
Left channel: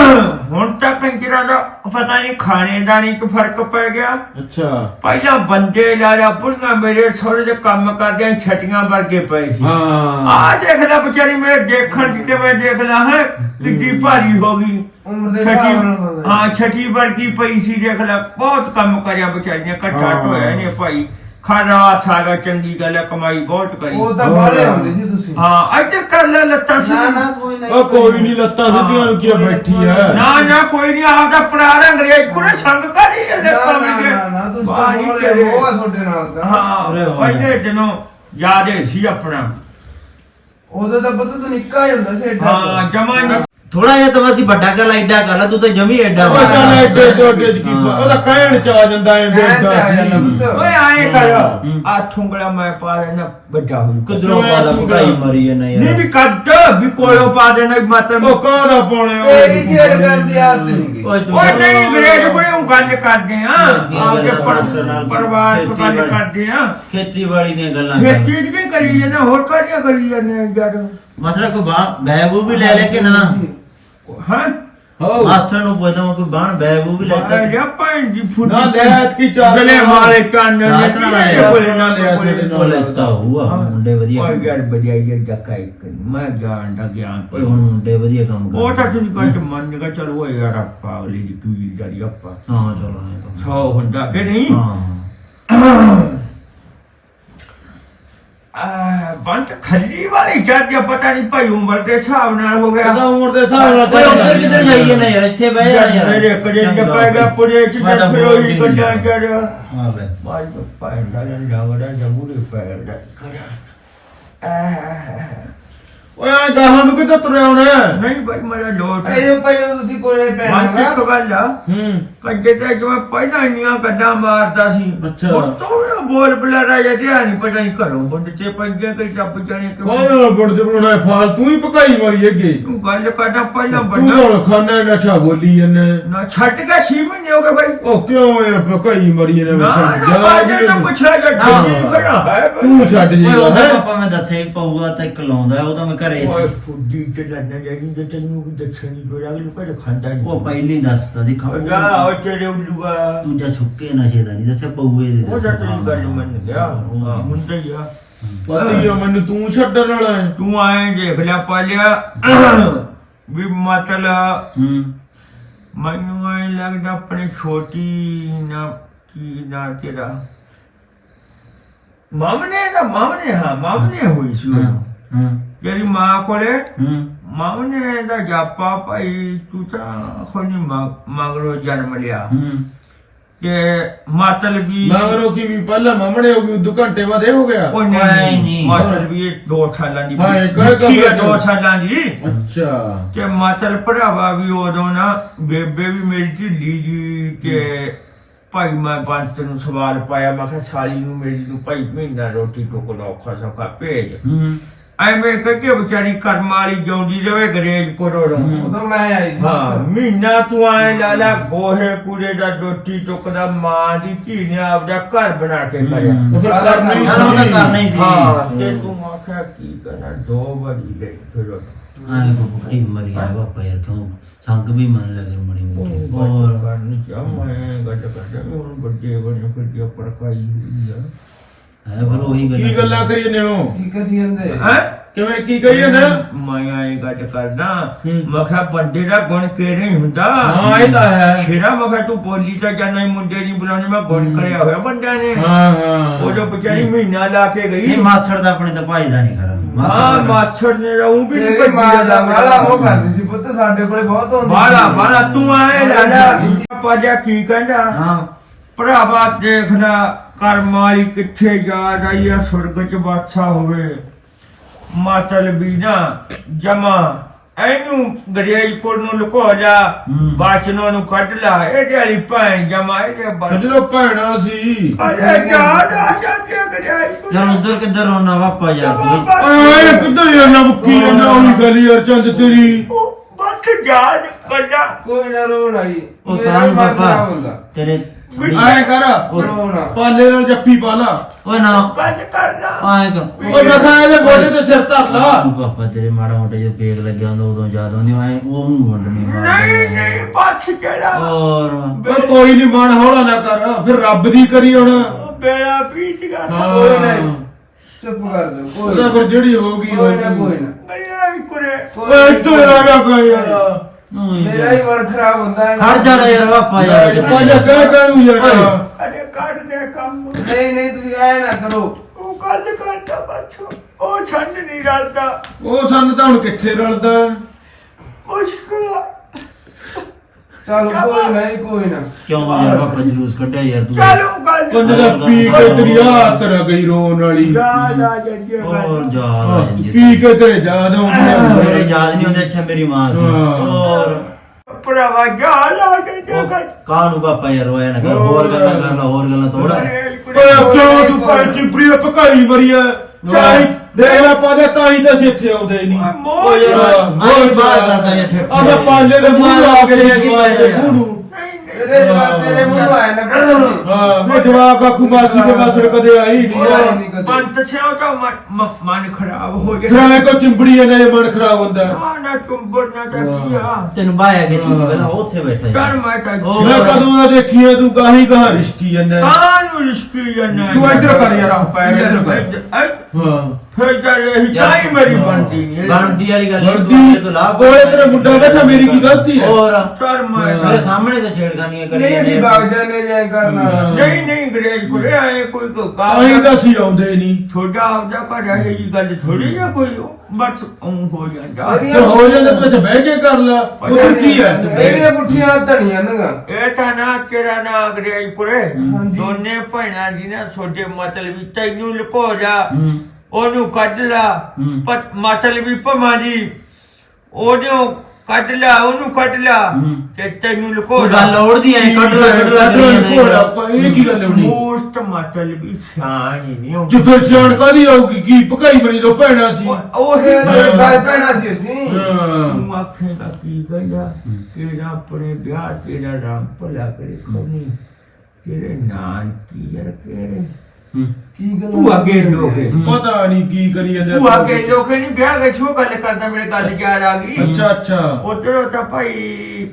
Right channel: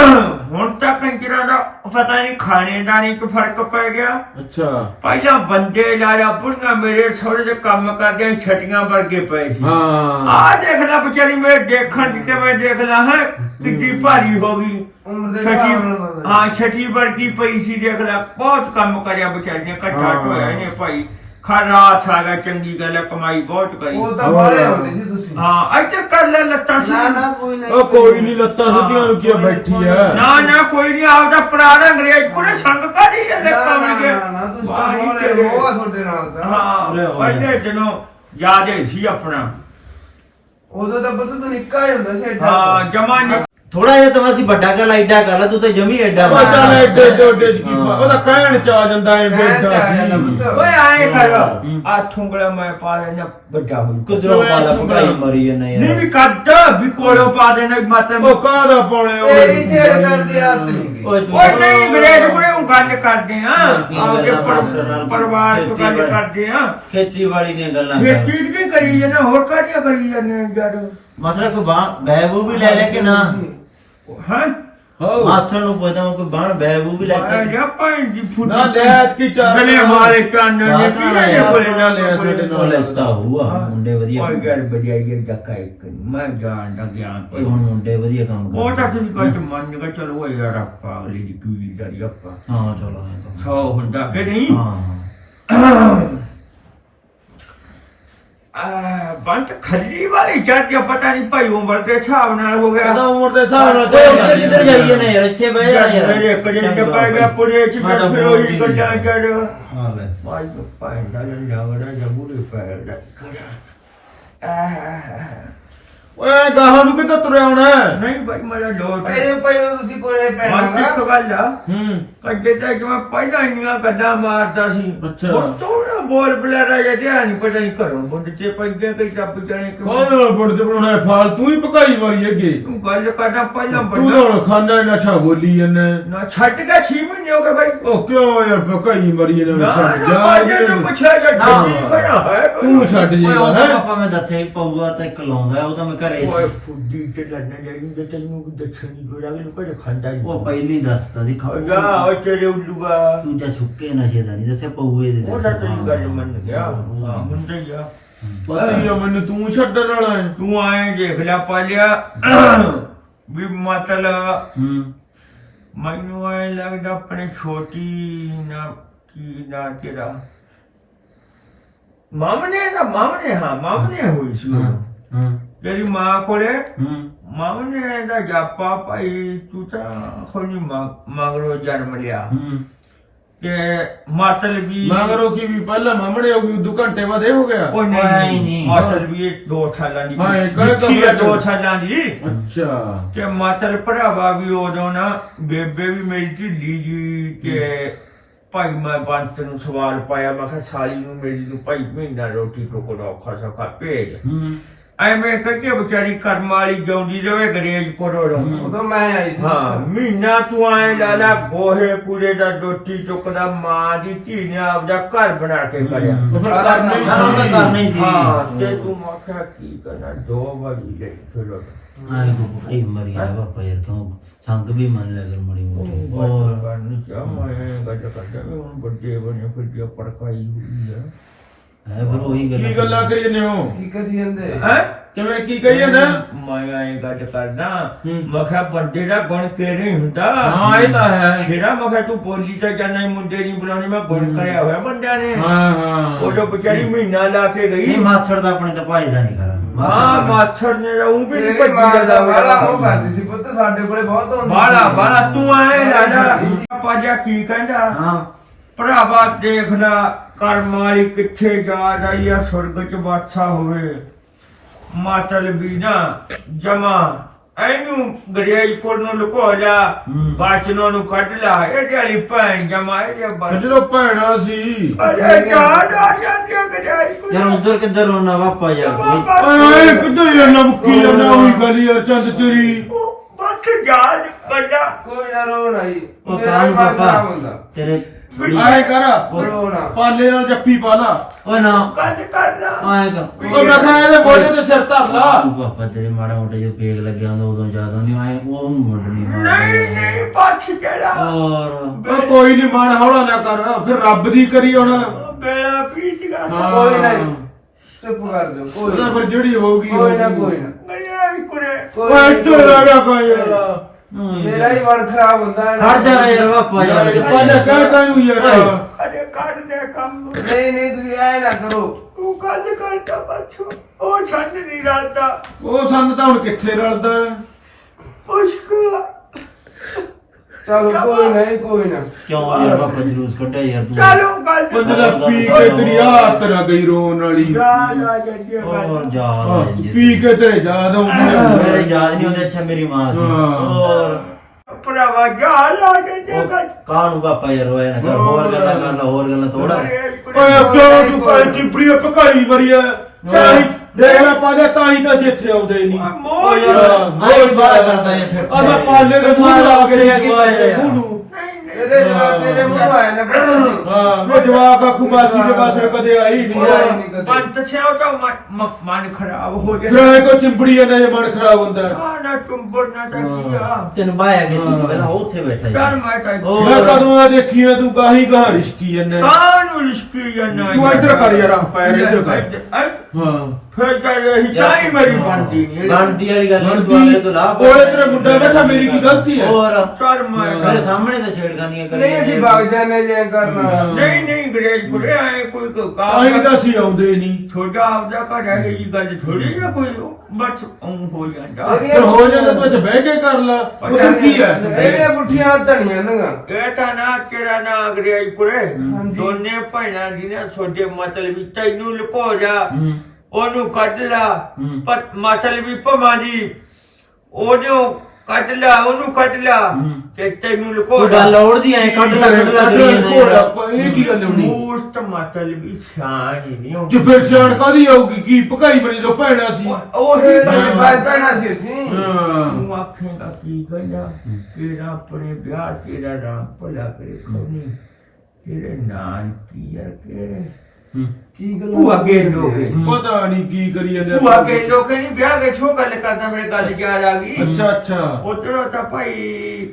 D: ਹੁਣ ਤਾਂ ਕੰਜਰਾਂ ਦਾ ਪਤਾ ਨਹੀਂ ਖਾਣੇ ਦਾ ਨਹੀਂ ਕਿ ਫਰਕ ਪੈ ਗਿਆ
C: ਅੱਛਾ
D: ਪਹਿਲਾਂ ਬੰਦੇ ਲਾਇਆ ਬੁੜੀਆਂ ਮੇਰੇ ਸਹੁਰੇ ਦੇ ਕੰਮ ਕਰਦੇ ਛਟੀਆਂ ਵਰਗੇ ਪਏ ਸੀ
C: ਹਾਂ
D: ਆ ਦੇਖ ਲੈ ਵਿਚਾਰੀ ਮੇਰੇ ਦੇਖਣ ਦੀ ਕਿਵੇਂ ਦੇਖ ਲੈ ਹੈ ਕਿੱਡੀ ਭਾਰੀ ਹੋ ਗਈ ਛਟੀ ਹਾਂ ਛਟੀ ਵਰਗੀ ਪਈ ਸੀ ਦੇਖ ਲੈ ਬਹੁਤ ਕੰਮ ਕਰਿਆ ਵਿਚਾਰੀਆਂ ਇਕੱਠਾ ਹੋਇਆ ਇਹਨੇ ਭਾਈ ਖਾਣਾ ਸਾਗਾ ਚੰਗੀ ਗੱਲ ਕਮਾਈ ਬਹੁਤ ਕਰੀ
E: ਉਹ ਤਾਂ ਬਾਹਲੇ ਹੁੰਦੇ ਸੀ ਤੁਸੀਂ
D: ਹਾਂ ਇੱਧਰ ਕਰ ਲੈ ਲੱਤਾਂ ਸੀ
E: ਨਾ ਨਾ ਕੋਈ ਨਹੀਂ
C: ਉਹ ਕੋਈ ਨਹੀਂ ਲੱਤਾਂ ਸਿੱਧੀਆਂ ਨੂੰ ਕੀ ਬੈਠੀ ਐ
D: ਨਾ ਨਾ ਕੋਈ ਨਹੀਂ ਆਪਦਾ ਪੁਰਾਣਾ ਅੰਗਰੇਜ਼ ਕੋਲੇ ਸੰਗ ਕਰੀ ਇਹਨੇ ਕੰਮ ਕੇ
E: ਨਾ ਨਾ ਤੁਸੀਂ ਤਾਂ ਬੋਲੇ ਉਹ ਤੁਹਾਡੇ ਨਾਲ ਤਾਂ
D: ਹਾਂ ਪਹਿਲੇ ਦਿਨੋਂ ਯਾਦੇ ਸੀ ਆਪਣਾ
E: ਉਦੋਂ ਤਾਂ ਪਤਾ ਤੂੰ ਨਿੱਕਾ ਹੀ ਹੁੰਦਾ ਸੀ ਐਡਾ
D: ਹਾਂ ਜਮਾ ਨਹੀਂ
B: ਥੋੜਾ ਜਿਹਾ ਤਾਂ ਅਸੀਂ ਵੱਡਾ ਕਰ ਲਾ ਐਡਾ ਕਰ ਲਾ ਤੂੰ ਤਾਂ ਜਮੀ ਐਡਾ
C: ਉਹ ਚੱਲ ਐਡੇ ਐਡੇ ਐਡੇ ਚ ਕੀ ਪਾ- ਉਹਦਾ ਕਹਿਣ ਚ ਆ ਜਾਂਦਾ ਐਡੇ ਐਡਾ ਸੀ
D: ਓਏ ਆਏ ਕਰ ਆ ਠੁੰਗਲਾ ਮੈਂ ਪਾ ਲੈਣਾ ਵੱਡਾ ਹੋ
B: ਕੁਦਰੋਂ ਵਾਲਾ ਭਗਾਈ ਮਰੀ ਜਾਂਦਾ
D: ਨਹੀਂ
B: ਯਾਰ
D: ਵੀ ਕੱਦ ਵੀ ਕੋਲੋਂ ਪਾ ਦੇਣਾ ਮਤਲਬ
C: ਉਹ ਕਾਹਦਾ ਪਾਉਣੇ ਉਹ
E: ਤੇਰੀ ਛੇੜ ਕਰਨ ਦੀ ਆਦਤ ਨਹੀਂ ਗਈ
B: ਓਏ ਤੂੰ
D: ਓਏ ਨਹੀਂ ਅੰਗਰੇਜ਼ ਕੋਲੇ ਉਹ ਗੱਲ ਕਰਦੇ ਆ
B: ਦੀਆਂ
D: ਆਪਦੇ
B: ਗੱਲਾਂ
D: ਪਰ-
B: ਮਾਸਟਰ ਨਾਲ
D: ਪਰਿਵਾਰ ਤੋਂ ਗੱਲ
B: ਖੇਤੀਬਾੜੀ-
D: ਕਰਦੇ ਆ
B: ਖੇਤੀਬਾੜੀ ਦੀਆਂ ਗੱਲਾਂ ਕਰ
D: ਖੇਤੀ ਦੀ ਕੀ ਕਰੀ ਜਾਂਦੇ ਹੋਰ ਕਾਹਦੀਆਂ ਕਰੀ ਜਾਂਦੇ ਆ ਯਾਰ
B: ਮਸਲਾ ਕੋਈ ਬਾਹ ਬੈਬੂ ਵੀ ਲੈ ਲੈ ਕੇ ਨਾ
D: ਹਾਂ
C: ਹੋ
B: ਮਾਸਟਰ ਨੂੰ ਪੁੱਛਦਾ ਮੈਂ ਕੋਈ ਬਾਣ ਬੈਬੂ ਵੀ ਲੈਤਾ
D: ਆ ਜਾ ਪੈਣ ਦੀ ਫੁੱਟੀ
C: ਨਾ ਲੈਤ ਕੀ ਚਾਰ
D: ਗਲੇ ਵਾਲੇ ਕੰਨ ਨੇ
B: ਨਾ,
D: ਕੀ
B: ਨਾ,
D: ਇਹ
B: ਨਾ,
D: ਕੋਲੇ
C: ਨਾ
D: ਨਾ
C: ਲਿਆ
D: ਕੋਲੇ
C: ਤੁਹਾਡੇ
B: ਉਹ ਲੈਤਾ ਹੋਊਗਾ ਮੁੰਡੇ ਵਧੀਆ
D: ਓਏ ਯਾਰ ਬੜਿਆ ਇਹ ਡਕਾ ਇੱਕ ਮੈਂ ਜਾਣ ਦਾ ਗਿਆਨ
B: ਓਏ ਹੁਣ ਮੁੰਡੇ ਵਧੀਆ ਕੰਮ ਕਰਦੇ
D: ਉਹ ਤਾਂ ਤੁਸੀਂ ਗੱਲ ਮੰਨ ਕੇ ਚਲੋ ਓਏ ਯਾਰ ਆਪਾਂ ਅਗਲੀ ਦੀ ਕੀ ਜਾਰੀ ਆਪਾਂ
B: ਹਾਂ ਚਲੋ ਹਾਂ
D: ਸੌ ਹੁੰਦਾ ਕਿ ਨਹੀਂ
B: ਹਾਂ
D: ਆ ਬੰਦ ਖੱਲੀ ਵਾਲੀ ਜੱਜ ਪਤਾ ਨਹੀਂ ਭਾਈ ਉਮਰ ਦੇ ਹਿਸਾਬ ਨਾਲ ਹੋ ਗਿਆ
C: ਕਦਾ ਉਮਰ ਦੇ ਹਿਸਾਬ ਨਾਲ
B: ਓਏ ਉੱਧਰ ਕਿੱਧਰ ਜਾਈਏ ਨਾ ਯਾਰ ਇੱਥੇ ਬਹਿ ਜਾ ਯਾਰ
D: ਮੇਰੇ ਕਦੇ ਦੇ ਪੈ ਗਿਆ ਪੁਰੇ ਚ
B: ਮੈਂ ਤਾਂ
D: ਫਿਰ
B: ਬੋਲ
D: ਉਹੀ
B: ਹੀ
D: ਗੱਲਾਂ
B: ਨਹੀਂ।
D: ਕਰ
B: ਹਾਂ ਲੈ
D: ਮਾਈ ਤੋਂ ਪਾਇ ਦਾ ਲੰਗੜਾ ਜਮੂਰੇ ਪੈ ਦਾ ਕਰ
C: ਓਏ ਗਾਹਾਂ ਨੂੰ ਕਿੱਧਰ ਤੁਰਿਆ ਹੋਣਾ
D: ਨਹੀਂ ਭਾਈ ਮੇਰਾ ਲੋਟ
E: ਇਹ ਭਾਈ ਤੁਸੀਂ ਕੋਲੇ
D: ਮਨ
E: ਪੈਣਾ
D: ਚ ਗੱਲ ਆ
C: ਹੂੰ
D: ਕੱਜੇ ਤੇ ਜਿਵੇਂ ਪਹਿਲਾਂ ਇੰਨੀਆਂ ਗੱਲਾਂ ਮਾਰਦਾ ਸੀ
C: ਅੱਛਾ।
D: ਉਹ ਤੋਂ ਨਾ ਬੋਲ ਬੁਲਾਰਾ ਜਾਂ ਧਿਆਨ ਪਤਾ ਨਹੀਂ ਘਰੋਂ ਬੰਦ ਤੇ ਪੰਗੇ ਕਈ ਟੱਪ ਜਾਣੇ ਕਿ
C: ਕੋਹਦੇ ਨਾਲ ਬੁੜ ਤੇ ਬਣਾਇਆ ਫਾਲਤੂ ਹੀ ਪਕਾਈ ਮਾਰੀ ਅੱਗੇ
D: ਤੂੰ ਗੱਲ ਕਰਦਾ ਪਹਿਲਾਂ
C: ਤੂੰ
D: ਬੰਦਾ
C: ਤਾਂ ਹੁਣ ਖਾਨਾ ਨਸ਼ਾ ਬੋਲੀ ਜੰਨੇ
D: ਨਾ ਛੱਡ ਕੇ ਛੇ ਮਹੀਨੇ ਹੋ ਗਏ ਭਾਈ
C: ਉਹ ਕਿਉਂ ਯਾਰ ਪਕਾਈ ਮਾਰੀ ਜੰਨੇ
D: ਨਾ
C: ਵਿੱਚ
D: ਨਾ ਬਾਜੇ ਨੂੰ ਪੁੱਛਿਆ ਜਾ ਠੀਕ ਖੜਾ ਹੈ
C: ਤੂੰ ਛੱਡ
B: ਓਏ
C: ਜੀਗਾ
B: ਉਹਦਾ
C: ਹੈ
B: ਪਾਪਾ ਮੈਂ ਦੱਸੇ ਪਊਗਾ ਤਾਂ ਇੱਕ ਲਾਉਂਦਾ ਉਹਦਾ ਮੈਂ ਘਰੇ
D: ਓਏ ਫੁੱਡੀ ਤੇ ਲੜਨਾ ਜਾਈ ਜੇ ਤੈਨੂੰ ਵੀ ਦੱਸਣੀ ਜੋੜਾ ਵੀ ਕੋਈ ਖਾਂਦਾ ਨਹੀਂ
B: ਉਹ ਪਹਿਲੀ ਦੱਸਦਾ ਸੀ
D: ਉਹ ਜਾ ਉਹ ਤੇਰੇ ਉੱਲੂਆ
B: ਤੂੰ ਜਾਂ ਛੁੱਕੇ ਨਸ਼ੇ ਦਾ ਨਹੀਂ ਦੱਸੇ ਪਊਏ ਦੇ
D: ਉਹ ਤਾਂ ਤੇਰੀ ਗੱਲ ਮੰਨ ਗਿਆ ਹਾਂ ਮੁੰਡਾ ਹੀ ਆ
C: ਪਤਾ ਹੀ ਆ ਮੈਨੂੰ ਤੂੰ ਛੱਡਣ ਵਾਲਾ ਹੈ
D: ਤੂੰ ਆਏ ਦੇਖ ਲੈ ਪਾਲਿਆ ਵੀ ਮਤਲਬ
B: ਹੂੰ
D: ਮੈਨੂੰ ਐ ਲੱਗਦਾ ਆਪਣੇ ਛੋਟੀ ਨਾ ਕੀ ਨਾ ਤੇਰਾ ਮਾਮਨੇ ਦਾ ਮਾਮਨੇ ਹਾਂ ਮਾਮਨੇ ਹੋਈ ਸੀ ਉਹ
B: ਹੂੰ
D: ਤੇਰੀ ਮਾਂ ਕੋਲੇ
B: ਹੂੰ
D: ਮਾਮਨੇ ਦਾ ਜਾਪਾ ਭਾਈ ਤੂੰ ਤਾਂ ਖੋਨੀ ਮਗਰੋਂ ਜਨਮ ਲਿਆ
B: ਹੂੰ
D: ਤੇ ਮਤਲਬ ਵੀ
C: ਮਗਰੋਂ ਕੀ ਵੀ ਪਹਿਲਾਂ ਮਾਮਣੇ ਹੋ ਗਈ ਦੋ ਘੰਟੇ ਬਾਅਦ ਇਹ ਹੋ ਗਿਆ।
D: ਉਹ
B: ਓਏ
D: ਨਹੀਂ
B: ਨਹੀਂ।
D: ਮਤਲਬ ਵੀ ਇਹ ਦੋ ਸਾਲਾਂ ਦੀ
C: ਹਾਂ, ਕਹੇ ਤਾਂ
D: ਮਿੱਠੀ ਆ
C: ਫਿਰ-
D: ਦੋ ਸਾਲਾਂ ਦੀ
C: ਅੱਛਾ
D: ਤੇ ਮਤਲਬ ਭਰਾਵਾ ਵੀ ਉਦੋਂ ਨਾ ਬੇਬੇ ਵੀ ਮੇਰੀ ਢਿੱਲੀ ਜੀ ਤੇ ਭਾਈ ਮੈਂ ਬੰਤ ਨੂੰ ਸਵਾਲ ਪਾਇਆ ਮੈਂ ਕਿਹਾ ਸਾਲੀ ਨੂੰ ਮੇਰੀ ਨੂੰ ਭਾਈ ਮਹੀਨਾ ਰੋਟੀ ਟੋਕਦਾ ਔਖਾ ਸੌਖਾ ਭੇਜ
B: ਹੂੰ
D: ਐਵੇਂ ਕਹਿੰਦੇ ਵਿਚਾਰੀ ਕਰਮ ਵਾਲੀ ਜਾਉਂਦੀ ਰਵੇ ਗਰੇਜ ਕਰੋੜੋਂ
E: ਉਦੋਂ ਮੈਂ ਆਈ ਸੀ
D: ਹਾਂ ਮਹੀਨਾ ਤੂੰ ਆਏ ਲਾਲਾ ਗੋਹੇ ਕੂੜੇ ਦਾ ਰੋਟੀ ਟੁੱਕਦਾ ਮਾਂ ਦੀ ਧੀ ਨੇ ਆਪਦਾ ਘਰ ਬਣਾ ਕੇ ਕਰਿਆ
C: ਉਹ ਫਿਰ ਕਰਨਾ ਹੀ
B: ਯਾਰ ਉਹ ਤਾਂ ਕਰਨਾ ਹੀ ਸੀ।
D: ਹਾਂ ਤੇ ਤੂੰ ਆਖਿਆ ਕੀ ਕਰਨਾ ਦੋ ਵਾਰੀ ਲੈ ਫਿਰ
B: ਆਏ ਕੋ ਭੁੱਖੀ ਮਰੀ ਆ ਬਾਪਾ ਯਾਰ ਕਿਉਂ ਸੰਗ ਵੀ ਮੰਨ ਲੈ ਮੜੀ ਮੋਟੀ
D: ਹੋਰ
B: ਹੋਰ
D: ਕਰਨੀ ਚਾ ਮੈਂ ਗੱਲ ਕਰਦਾ ਵੀ ਹੁਣ ਵੱਡੇ ਬਣੇ ਫਿਰ ਜੋ ਪੜਕਾਈ ਹੋਈ ਆ
B: ਹੈ ਪਰ ਉਹੀ ਗੱਲ
C: ਕੀ ਗੱਲਾਂ ਕਰੀ ਜਾਂਦੇ ਹੋ?
E: ਕੀ ਕਰੀ ਜਾਂਦੇ
D: ਹੈ
C: ਕਿਵੇਂ ਕੀ ਕਹੀ ਜਾਂਦੇ?
D: ਮੈਂ ਇਹ ਗੱਲ ਕਰਦਾ
C: ਹੂੰ।
D: ਮੈਂ ਕਿਹਾ ਬੰਦੇ ਦਾ ਗੁਣ ਕਿਹੜੇ ਹੁੰਦਾ
C: ਹਾਂ ਇਹ ਤਾਂ ਹੈ।
D: ਸ਼ੇਰਾ ਮੈਂ ਕਿਹਾ ਤੂੰ ਬੋਲੀ ਤਾਂ ਜਾਣਾ ਹੀ ਮੁੰਡੇ ਨਹੀਂ ਬੁਲਾਉਣੇ ਮੈਂ ਗੁਣ ਕਰਿਆ ਹੋਇਆ ਬੰਦਿਆਂ ਨੇ
C: ਹਾਂ ਹਾਂ
D: ਉਹ ਜੋ ਵਿਚਾਰੀ ਮਹੀਨਾ ਲਾ ਕੇ ਗਈ
B: ਨਹੀਂ ਮਾਸੜ ਦਾ ਆਪਣੇ ਤਾਂ ਭਾਈ ਦਾ ਨਹੀਂ ਕਰਾਂ
D: ਹਾਂ ਮਾਛੜ ਨੇ ਉਹ ਵੀ ਨਹੀਂ
E: ਤੇਰੀ ਮਾਂ ਦਾ ਵਾਲਾ ਉਹ ਕਰਦੀ ਸੀ ਪੁੱਤ ਸਾਡੇ ਕੋਲੇ ਬਹੁਤ ਹੁੰਦੀ
D: ਬਾਲਾ ਬਾਲਾ ਤੂੰ ਆਏ ਲਾਲਾ ਪਾਜਾ ਕੀ ਕਹਿੰਦਾ
B: ਹਾਂ
D: ਭਰਾਵਾ ਦੇਖਣਾ ਕਰਮ ਵਾਲੀ ਕਿੱਥੇ ਜਾ ਰਹੀ ਆ ਸੁਰਗ ਚ ਬਾਦਸ਼ਾਹ ਹੋਵੇ ਮਾਤਲ ਵੀ ਨਾ ਜਮਾ ਇਹਨੂੰ ਗਰੇਜ ਕੋਲ ਨੂੰ ਲੁਕੋ ਜਾ
B: ਹੂੰ।
D: ਬਾਚਨੋਂ ਨੂੰ ਕੱਢ ਲਾ ਇਹਦੇ ਵਾਲੀ ਭੈਣ ਜਮਾ ਇਹਦੇ ਬਰ
C: ਜਦੋਂ ਭੈਣਾ ਸੀ
D: ਅਰੇ ਜਾ ਜਾ ਜਾ ਜਾ ਗਰੇਜ ਕੋਲ
B: ਯਾਰ ਉਧਰ ਕਿੱਧਰ ਰੋਣਾ ਬਾਪਾ ਯਾਰ ਕੋਈ
C: ਓਏ ਕਿੱਧਰ ਯਾਰ ਨਮਕੀ ਨਾ ਉਹੀ ਗੱਲ ਯਾਰ ਚੰਦ ਤੇਰੀ
D: ਬੱਤ ਜਾ ਕੱਢਾ
E: ਕੋਈ ਨਾ ਰੋਣ ਆਈ
B: ਉਹ ਤਾਂ ਨੂੰ ਬਾਪਾ ਤੇਰੇ
C: ਐ ਕਰ
E: ਰੋਣਾ
C: ਪਾਲੇ ਨਾਲ ਜੱਫੀ ਪਾ ਲਾ।
B: ਓਏ ਨਾ
D: ਕੱਢ ਕਰਨਾ
B: ਆਏ ਕਾ
C: ਓਏ ਮੈਂ ਕਿਹਾ ਇਹਦੇ ਗੋਡੇ ਤੇ ਸਿਰ ਧਰ ਲਾ।
B: ਬਾਪਾ ਤੇਰੇ ਮਾੜਾ ਮੋਟਾ ਜੋ ਪੇਗ ਲੱਗਿਆ ਹੁੰਦਾ ਉਦੋਂ ਯਾਦ ਆਉਂਦੀ ਆਏ ਉਹ ਨੂੰ ਵੰਡਣੀ ਮਾਰ
D: ਨਹੀਂ ਨਹੀਂ ਪੱਛ ਜਿਹੜਾ
B: ਔਰ
C: ਓ ਕੋਈ ਨਹੀਂ ਮਨ ਹੌਲਾ ਨਾ ਕਰ ਫਿਰ ਰੱਬ ਦੀ ਕਰੀ ਹੁਣ।
D: ਉਹ ਬੇੜਾ ਪੀਟ ਗਾ
E: ਕੋਈ ਨਹੀਂ ਚੁੱਪ ਕਰ ਜਾ ਕੋਈ
C: ਉਹਦਾ ਫਿਰ ਜਿਹੜੀ ਹੋਗੀ
E: ਕੋਈ ਨਾ ਕੋਈ ਨਾ
D: ਨਹੀਂ ਕੁਰੇ
C: ਓਏ ਤੇਰਾ ਨਾ ਕਰ ਯਾਰ
E: ਮੇਰਾ ਹੀ ਮਨ ਖਰਾਬ ਹੁੰਦਾ ਹੈ
B: ਹਟ ਜਾ ਯਾਰ ਬਾਪਾ ਯਾਰ
C: ਪਾਲੇ ਕਹਿ ਕਹਿ ਯਾਰ
D: ਅਰੇ ਕੱਢ ਦੇ ਕੰਮ
E: ਨਹੀਂ ਨਹੀਂ ਤੁਸੀਂ ਐ ਨਾ ਕਰੋ
D: ਉਹ ਕੱਲ ਕਰਦਾ ਬੱਚੋ ਉਹ ਛੱਡ ਨਹੀਂ ਰਲਦਾ
C: ਉਹ ਸਾਨੂੰ ਤਾਂ ਹੁਣ ਕਿੱਥੇ ਰਲਦਾ
D: ਮੁਸ਼ਕਿਲ
E: ਚਲੋ ਕੋਈ ਨਹੀਂ ਕੋਈ ਨਾ
B: ਕਿਉਂ ਯਾਰ ਬਾਪਾ ਜਲੂਸ ਕੱਢਿਆ ਯਾਰ ਤੂੰ
D: ਚਲੋ ਗੱਲ
C: ਪੰਜ ਦਾ ਪੀ ਕੇ ਤੇਰੀ ਹੱਥ ਰ ਗਈ ਰੋਣ ਵਾਲੀ
D: ਜਾ ਜਾ ਜਾ
B: ਹੋਰ
D: ਜਾ
B: ਯਾਦ ਆ
C: ਆਹ,
B: ਜਾਂਦੀ
C: ਕੀ ਕੇ ਤੇਰੇ ਯਾਦ ਆਉਂਦੀ
B: ਮੇਰੇ ਯਾਦ ਨਹੀਂ ਆਉਂਦਾ ਅੱਛਾ ਮੇਰੀ ਮਾਂ ਸੀ
C: ਹਾਂ।
B: ਹੋਰ
D: ਭਰਾਵਾ ਜਾ ਲਾ ਕੇ ਜਾ
B: ਕਾਹ ਨੂੰ ਬਾਪਾ ਯਾਰ ਰੋਇਆ ਨਾ ਕਰ ਹੋਰ ਗੱਲਾਂ ਕਰ ਲਾ ਹੋਰ ਗੱਲਾਂ ਥੋੜਾ
C: ਓਏ ਕਿਉਂ ਤੂੰ ਕੋਈ ਚਿਪੜੀ ਪਕਾਈ ਮਰੀ ਐ ਚਾਹੀ ਦੇਖ ਲੈ ਪਾਲੇ ਤਾਂ ਹੀ ਤਾਂ ਅਸੀਂ ਇੱਥੇ ਆਉਂਦੇ ਨਹੀਂ
B: ਓ ਯਾਰ ਆਈ ਬਾਤ ਕਰਦਾ ਇਹ ਠੇਕਾ
C: ਆਹ ਪਾਲੇ ਦੇ ਮੂੰਹ ਆ ਕੇ ਕੀ ਪਾਇਆ ਮੂੰਹ
E: ਤੇਰੇ ਜਵਾਬ ਤੇਰੇ ਮੂੰਹ ਆਇਆ ਨਾ ਬੜਾ
C: ਹਾਂ ਮੈਂ ਜਵਾਬ ਆਖੂ ਮਾਸੀ ਦੇ ਪਾਸੇ ਕਦੇ ਆਈ ਨਹੀਂ
D: ਬੰਤ ਛਾਉ ਤਾਂ ਮਨ- ਮਨ ਖਰਾਬ ਹੋ
C: ਫਿਰ
D: ਗਿਆ
C: ਐ ਕੋ ਚਿੰਬੜੀ ਐ ਨਾ ਇਹ ਮਨ ਖਰਾਬ ਹੁੰਦਾ ਹੈ।
D: ਨਾ ਨਾ ਚੁੰਬੜ ਨਾ ਤਾਂ ਕੀ ਆ
B: ਤੈਨੂੰ ਬਾਇਆ ਕਿ ਤੂੰ ਪਹਿਲਾਂ ਉਹ ਉੱਥੇ ਬੈਠਾ
D: ਕਰ
B: ਯਾਰ
D: ਮੈਂ ਤਾਂ
B: ਉਹ
C: ਮੈਂ ਕਦੋਂ ਦਾ ਦੇਖੀ ਐ ਤੂੰ ਕਾਹੀ ਕਹਾਂ ਰਿਸ਼ਕੀ ਜੰਨੇ
D: ਕਾਨੂੰ ਰਿਸ਼ਕੀ ਜਨਾ
C: ਤੂੰ ਇੱਧਰ ਕਰ ਯਾਰ ਆਹ ਪੈਰ ਇੱਧਰ ਕਰ ਹਾਂ
D: ਫਿਰ ਤਾਂ ਇਹ ਤਾਂ ਹੀ ਮੇਰੀ ਬਣਦੀ ਨਹੀਂ
B: ਬਣਦੀ ਵਾਲੀ ਗੱਲ ਨਹੀਂ ਤੂੰ
C: ਲੜਦੀ
B: ਆਪਣੇ ਤੋਂ ਲਾਭ
C: ਓਏ ਤੇਰਾ ਮੁੰਡਾ ਬੈਠਾ ਮੇਰੀ ਕੀ ਗਲਤੀ ਹੈ
B: ਹੋਰ
D: ਚਲ ਮੈਂ
B: ਮੇਰੇ ਸਾਹਮਣੇ ਤਾਂ ਛੇੜਖਾਨੀਆਂ ਕਰੀ
E: ਨਹੀਂ ਅਸੀਂ
B: ਜਾਂਦੇ
E: ਬਾਗ ਜਾਣੇ ਜੇ ਕਰਨਾ
D: ਨਹੀਂ ਨਹੀਂ ਗਰੇਜ ਕੋਲੇ ਆਏ ਕੋਈ
C: ਅਸੀਂ
D: ਕਾਹ
C: ਤਾਂ ਅਸੀਂ ਆਉਂਦੇ ਨਹੀਂ
D: ਛੋਟਾ ਆਪਦਾ ਘਰ ਹੈ ਜੀ ਗੱਲ ਥੋੜੀ ਆ ਕੋਈ ਉਹ ਬਸ ਉਹ ਹੋ ਜਾਂਦਾ
C: ਫਿਰ ਹੋ ਜਾਂਦਾ ਤੂੰ ਇੱਥੇ ਬਹਿ ਕੇ ਕਰ ਲੈ ਉਧਰ ਕੀ ਹੈ
E: ਇਹਨੇ ਪੁੱਠੀਆਂ ਧਣੀਆਂ ਨਾ
D: ਇਹ ਤਾਂ ਨਾ ਤੇਰਾ ਨਾ ਗਰੇਜ ਕੋਲੇ
E: ਹਾਂਜੀ।
D: ਦੋਨੇ ਭੈਣਾਂ ਦੀ ਨਾ ਛੋਟੇ ਮਤਲਬ ਵੀ ਤੈਨੂੰ ਲੁਕੋ ਜਾ
B: ਹੂੰ
D: ਉਹਨੂੰ ਕੱਢ ਲਾ
B: ਹੂੰ।
D: ਪਰ ਮਤਲਬ ਵੀ ਭਮਾ ਜੀ ਉਹਨੂੰ ਕੱਢ ਲਾ ਉਹਨੂੰ ਕੱਢ ਲਾ
B: ਹੂੰ।
D: ਤੇ ਤੈਨੂੰ ਲੁਕੋ
B: ਕੋਈ ਗੱਲ ਔੜਦੀ ਐ ਕੱਢ ਲਾ ਕੱਢ ਲਾ ਕਰੀ ਜਾਂਦੇ ਯਾਰ।
C: ਇਹ ਕੀ ਗੱਲ ਹੋਣੀ
D: ਮੂਸਤ ਮਤਲਬ ਵੀ ਸਿਆਣ ਹੀ ਨਹੀਂ
C: ਜੇ
D: ਹੁੰਦੀ
C: ਫਿਰ ਸਿਆਣ ਕਾਦੀ ਆਊਗੀ ਕੀ ਭਕਾਈ ਮਰੀ ਜੋ ਭੈਣਾ ਸੀ
D: ਉਹ ਹੀ
E: ਇਹ ਬਾਈ ਪੈਣਾ ਸੀ ਅਸੀਂ
C: ਹਾਂ
D: ਤੂੰ ਆਖੇਗਾ ਕੀ ਕਹਿੰਦਾ ਤੇਰਾ ਆਪਣੇ ਵਿਆਹ ਤੇਰਾ ਰਾਮ ਭਲਾ ਕਰੇ ਕੋਨੀ ਤੇਰੇ ਨਾਂ ਕੀ ਯਾਰ ਕੇ
B: ਹੂੰ।
E: ਕੀ ਗੱਲ
D: ਤੂੰ ਅੱਗੇ ਲੋਕੇ
C: ਪਤਾ ਨਹੀਂ ਕੀ ਕਰੀ ਜਾਂਦੇ
D: ਤੂੰ ਅੱਗੇ ਲੋਕੇ ਨਹੀਂ ਵਿਆਹ ਕੇ ਛੋ ਗੱਲ ਕਰਦਾ ਮੇਰੇ ਗੱਲ ਯਾਦ ਆ ਗਈ
C: ਅੱਛਾ ਅੱਛਾ
D: ਉਧਰੋਂ ਤਾਂ ਭਾਈ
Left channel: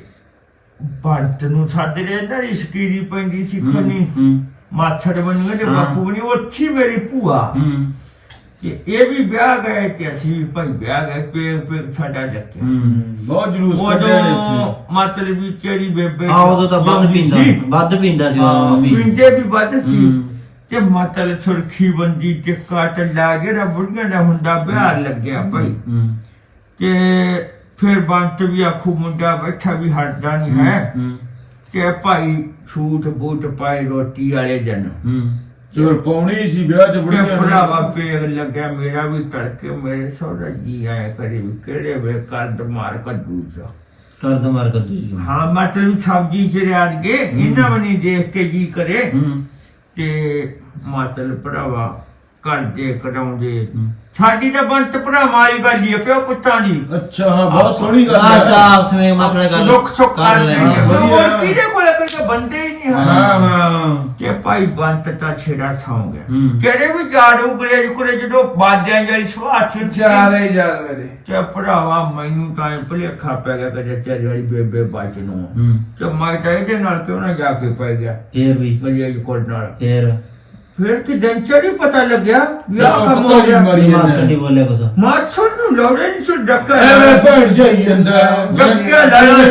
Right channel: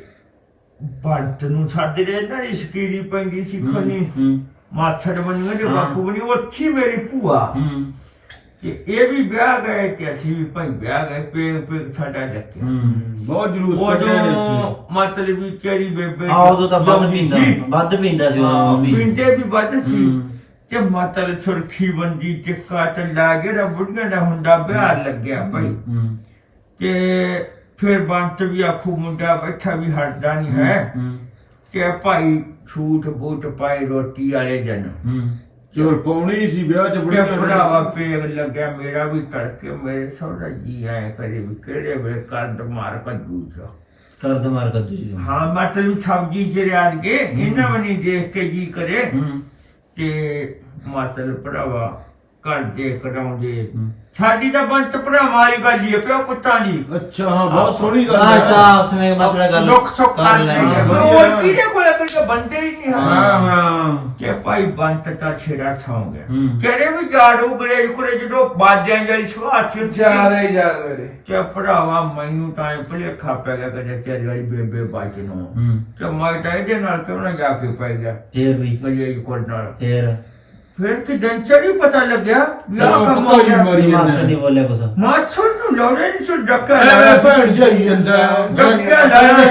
D: ਬੰਤ ਨੂੰ ਛੱਡ ਰਹੇ ਨਾ ਰਿਸ਼ਕੀਰੀ ਪੈਂਦੀ ਸੀ ਖਣੀ
B: ਹੂੰ
D: ਮਾਛੜ ਬਣੂਗੇ ਤੇ
B: ਹਾਂ।
D: ਬਾਪੂ ਬਣੀ ਉੱਚੀ ਮੇਰੀ ਭੂਆ
B: ਹੂੰ
D: ਤੇ ਇਹ ਵੀ ਵਿਆਹ ਗਏ ਤੇ ਅਸੀਂ ਵੀ ਭਾਈ ਵਿਆਹ ਗਏ ਪੇ ਪੇ ਸਾਡਾ ਲੱਗਿਆ
B: ਹੂੰ
C: ਬਹੁਤ ਜਲੂਸ ਕੱਢਿਆ ਨੇ
D: ਉਦੋਂ
C: ਇੱਥੇ
D: ਮਤਲਬ ਵੀ ਤੇਰੀ ਬੇਬੇ
B: ਆ ਉਦੋਂ ਤਾਂ ਵੱਧ ਪੀਂਦਾ
D: ਸੀ।
B: ਵੱਧ ਪੀਂਦਾ ਸੀ
D: ਹਾਂ,
B: ਉਦੋਂ ਮੰਮੀ
D: ਪੀਂਦੇ ਵੀ ਵੱਧ ਸੀ
B: ਹੂੰ।
D: ਤੇ ਮਤਲਬ ਸੁਰਖੀ ਬੰਦੀ ਤੇ ਕਾਟ ਲਾ ਕੇ ਨਾ ਬੁੜੀਆਂ ਦਾ ਹੁੰਦਾ ਵਿਆਹ ਲੱਗਿਆ ਭਾਈ
B: ਹੂੰ
D: ਤੇ ਫਿਰ ਬੰਤ ਵੀ ਆਖੂ ਮੁੰਡਾ ਬੈਠਾ ਵੀ ਹਟਦਾ ਨਹੀਂ ਹੈ
B: ਹੂੰ
D: ਤੇ ਭਾਈ ਛੂਟ ਬੂਟ ਪਾਏ ਰੋਟੀ ਵਾਲੇ ਦਿਨ
B: ਹੂੰ
C: ਚਲ ਪਾਉਣੀ ਸੀ ਵਿਆਹ ਚ
D: ਕਿ
C: ਬੜੀਆਂ
D: ਭਰਾਵਾ ਪੇਗ ਲੱਗਿਆ ਮੇਰਾ ਵੀ ਤੜਕੇ ਮੇਰੇ ਸੋਹਰਾ ਜੀ ਆਏ ਕਰੇ ਵੀ ਕਿਹੜੇ ਵੇ ਕੰਦ ਮਾਰ ਕੱਦੂ ਚ
B: ਕਰ ਦੋ ਮਾਰ ਕੱਦੂ ਜੀ
D: ਹਾਂ ਮਤਲਬ ਸਬਜੀ ਚ ਰਿਆਜ ਕੇ ਇਹਨਾਂ ਵੀ ਨਹੀਂ ਦੇਖ ਕੇ ਜੀ ਕਰੇ
B: ਹੂੰ
D: ਤੇ ਮਤਲਬ ਭਰਾਵਾ ਕਰਦੇ ਕਰਾਉਂਦੇ
B: ਹੂੰ।
D: ਸਾਡੀ ਤਾਂ ਬੰਤ ਭਰਾ ਵਾਲੀ ਗੱਲ ਹੀ ਹੈ ਪਿਓ ਪੁੱਤਾਂ ਦੀ
C: ਅੱਛਾ ਹਾਂ ਬਹੁਤ ਸੋਹਣੀ ਗੱਲ
B: ਆ
C: ਹੈ
B: ਤਾਂ ਆਪਸ ਵਿੱਚ ਮਸਲਾ ਗੱਲ
D: ਦੁੱਖ ਸੁੱਖ
B: ਕਰ
D: ਕਰ
B: ਲੈਣੀ
D: ਲੈਣੀ
B: ਆ।
D: ਹੋਰ ਕਿਹਦੇ ਕੋਲ ਕੋਈ ਬੰਦੇ ਹੀ ਨਹੀਂ ਹਨ
C: ਹਾਂ ਹਾਂ
D: ਤੇ ਭਾਈ ਬੰਤ ਤਾਂ ਛੇੜਾ ਸੌਂ ਗਿਆ
B: ਹੂੰ।
D: ਕਿਹੜੇ ਵੀ ਜਾੜੂ ਗਰੇ ਕੁਰੇ ਜਦੋਂ ਬਾਦਿਆਂ ਜਿਹੜੀ ਸੁਭਾਅ ਚ
E: ਜਿਆਦਾ ਹੀ ਯਾਦ ਮੇਰੇ
D: ਤੇ ਭਰਾਵਾ ਮੈਨੂੰ ਤਾਂ ਇਹ ਭੁਲੇਖਾ ਪੈ ਗਿਆ ਕਿ ਤੇਰੀ ਵਾਲੀ ਬੇਬੇ ਬਾਜ ਨੂੰ
B: ਹੂੰ
D: ਤੇ ਮੈਂ ਤਾਂ ਇਹਦੇ ਨਾਲ ਕਿਉਂ ਨਾ ਜਾ ਕੇ ਪੈ ਗਿਆ
B: ਫੇਰ ਵੀ
D: ਗਲੀ ਕੋਲ ਨਾਲ
B: ਫੇਰ
D: ਫਿਰ ਕਿ ਦਿਨ ਚੜੀ ਪਤਾ ਲੱਗਿਆ ਵੀ ਆਹ
C: ਚਲੋ
D: ਕੰਮ
C: ਪਤਾ
D: ਹੋ
C: ਹੀ
D: ਗਿਆ
C: ਮਰੀ
B: ਮਾਸੀ
C: ਜਾਂਦਾ
B: ਨਹੀਂ ਬੋਲਿਆ ਕੁਛ
D: ਮਾਛੜ ਨੂੰ ਲੋੜੇ ਨਹੀਂ ਸੁ ਡੱਕਾ
C: ਐਵੇਂ ਭੈਣ ਜਾਈ ਜਾਂਦਾ
D: ਡੱਕਾ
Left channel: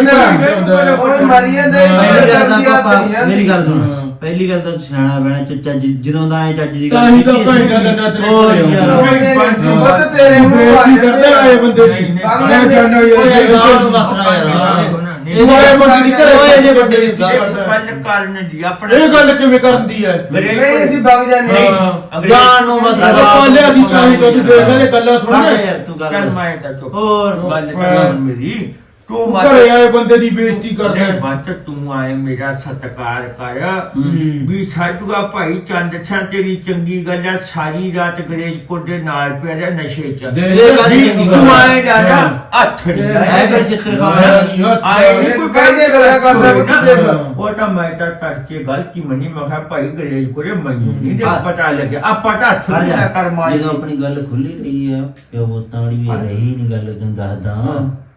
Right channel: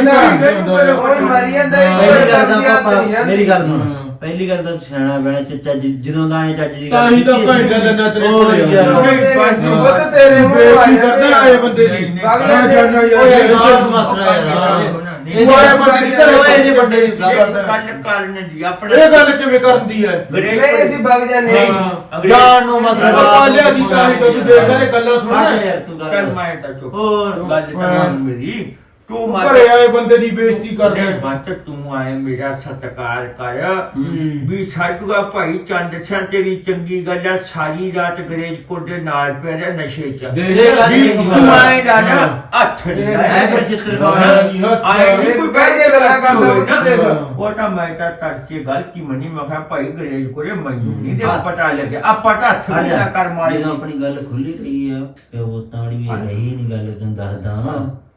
D: ਲੈ
E: ਉਹ ਮਾਰੀ ਜਾਂਦਾ
B: ਪਹਿਲੀ ਗੱਲ ਤਾਂ ਪਾਪਾ
E: ਹੀ
B: ਮੇਰੀ ਗੱਲ ਸੁਣ ਪਹਿਲੀ ਗੱਲ ਤਾਂ ਸਿਆਣਾ ਬਣਾ ਚੱਜ ਜਦੋਂ ਦਾ ਐ ਚੱਜ ਦੀ ਗੱਲ
C: ਤਾਂ ਹੀ ਤਾਂ ਭੈਣ ਗੱਲ ਨਾ ਤੇਰੇ
B: ਹੋਰ ਯਾਰ
E: ਉਹ ਤੇਰੇ ਮੂੰਹ
C: ਬੇਇੱਜ਼ਤੀ
E: ਆ
C: ਕਰਦਾ
E: ਜਾਂਦੇ
C: ਇਹ ਬੰਦੇ ਦੀ
D: ਨਹੀਂ, ਨਹੀਂ,
C: ਮੈਂ
E: ਨਹੀਂ,
C: ਜਾਣਾ ਯਾਰ
B: ਓਏ
C: ਇਹ
B: ਗਾਲ ਨੂੰ ਬਸਣਾ ਯਾਰ
D: ਨਹੀਂ,
B: ਇਹ
C: ਓਏ ਬੰਦੇ ਦੀ ਘਰੇ
B: ਓਏ ਜੇ ਵੱਡੇ ਦੀ
D: ਗੱਲ ਕਰਨ ਦੀ ਆਪਣੇ
C: ਇਹ ਗੱਲ ਕਿਵੇਂ ਕਰਦੀ ਹੈ
E: ਨਹੀਂ ਅਸੀਂ ਵਗ ਜਾਂਦੇ
D: ਨਹੀਂ,
E: ਹਾਂ।
D: ਅੰਗਰੇਜ਼-
B: ਜਾਣ ਨੂੰ ਮਸਲਾ
C: ਪਾਲੇ ਅਸੀਂ ਤਾਂ ਹੀ ਕੁਝ ਦੇਖ ਰਹੇ ਗੱਲਾਂ
B: ਸੁਣ
C: ਸੁਣੀਆਂ
B: ਯਾਰ ਤੂੰ
D: ਚੱਲ
B: ਗੱਲ
D: ਮੈਂ ਤਾਂ ਚੁੱਪ
B: ਹੋਰ
D: ਗੱਲ ਤਾਂ ਮੇਰੀ ਤੂੰ ਮਤ
C: ਘਰੇ ਆਏ ਬੰਦੇ ਦੀ ਬੇਇੱਜ਼ਤੀ ਕਰਦਾ
D: ਨਹੀਂ ਮਤ ਤੂੰ ਆਏ ਮੇਰਾ ਸਤਿਕਾਰ ਕਰ
C: ਹੂੰ।
D: ਵੀ ਸਾਡੂਆ ਭਾਈ ਚੰਦ ਛਣ ਤੇਰੀ ਚੰਗੀ ਗੱਲ ਆ ਸਾਰੀ ਰਾਤ ਗਰੇਜ ਕੋਟ ਦੇ ਨਾਲ ਪਿਆ ਰਿਹਾ ਨਸ਼ੇ ਚ
C: ਦੇ
B: ਇਹ ਗੱਲ
D: ਵੀ
B: ਚੰਗੀ
D: ਤੂੰ
B: ਗੱਲ
D: ਆਏ ਨਾ ਨਾ ਹੱਥ ਨਹੀਂ
B: ਐ
D: ਲਾਇਆ।
B: ਫਿਰ ਚਿੱਤਰਕਾਰ
D: ਆਏ ਨਹੀਂ ਕੋਈ
E: ਕਾਹਦੀ
D: ਗੱਲ
E: ਗੱਲਾਂ ਕਰਦਾ ਵੀ
D: ਨਾ।
E: ਦੇਖ।
D: ਉਹ ਤਾਂ ਮੈਂ ਤਾਂ ਕਰਕੇ ਗਲਤੀ ਮੰਨੀ ਮੈਂ ਕਿਹਾ ਭਾਈ ਗਰੇਜ ਕੋਲੇ ਮੈਨੂੰ ਨਹੀਂ ਦੇ
B: ਹਾਂ।
D: ਪਤਾ ਲੱਗਿਆ ਆਪਾਂ ਤਾਂ ਹੱਥ
B: ਹਟ
D: ਨਹੀਂ
B: ਜਾ।
D: ਕਰ ਮਾਰੀ
B: ਜਦੋਂ ਆਪਣੀ ਗੱਲ ਖੁੱਲੀ ਰਹੀ ਆ ਪਿਓ ਤਾੜੀ ਵੀ ਰਹੀ ਨਹੀਂ ਗੱਲ ਤੈਨੂੰ ਦੱਸਦਾ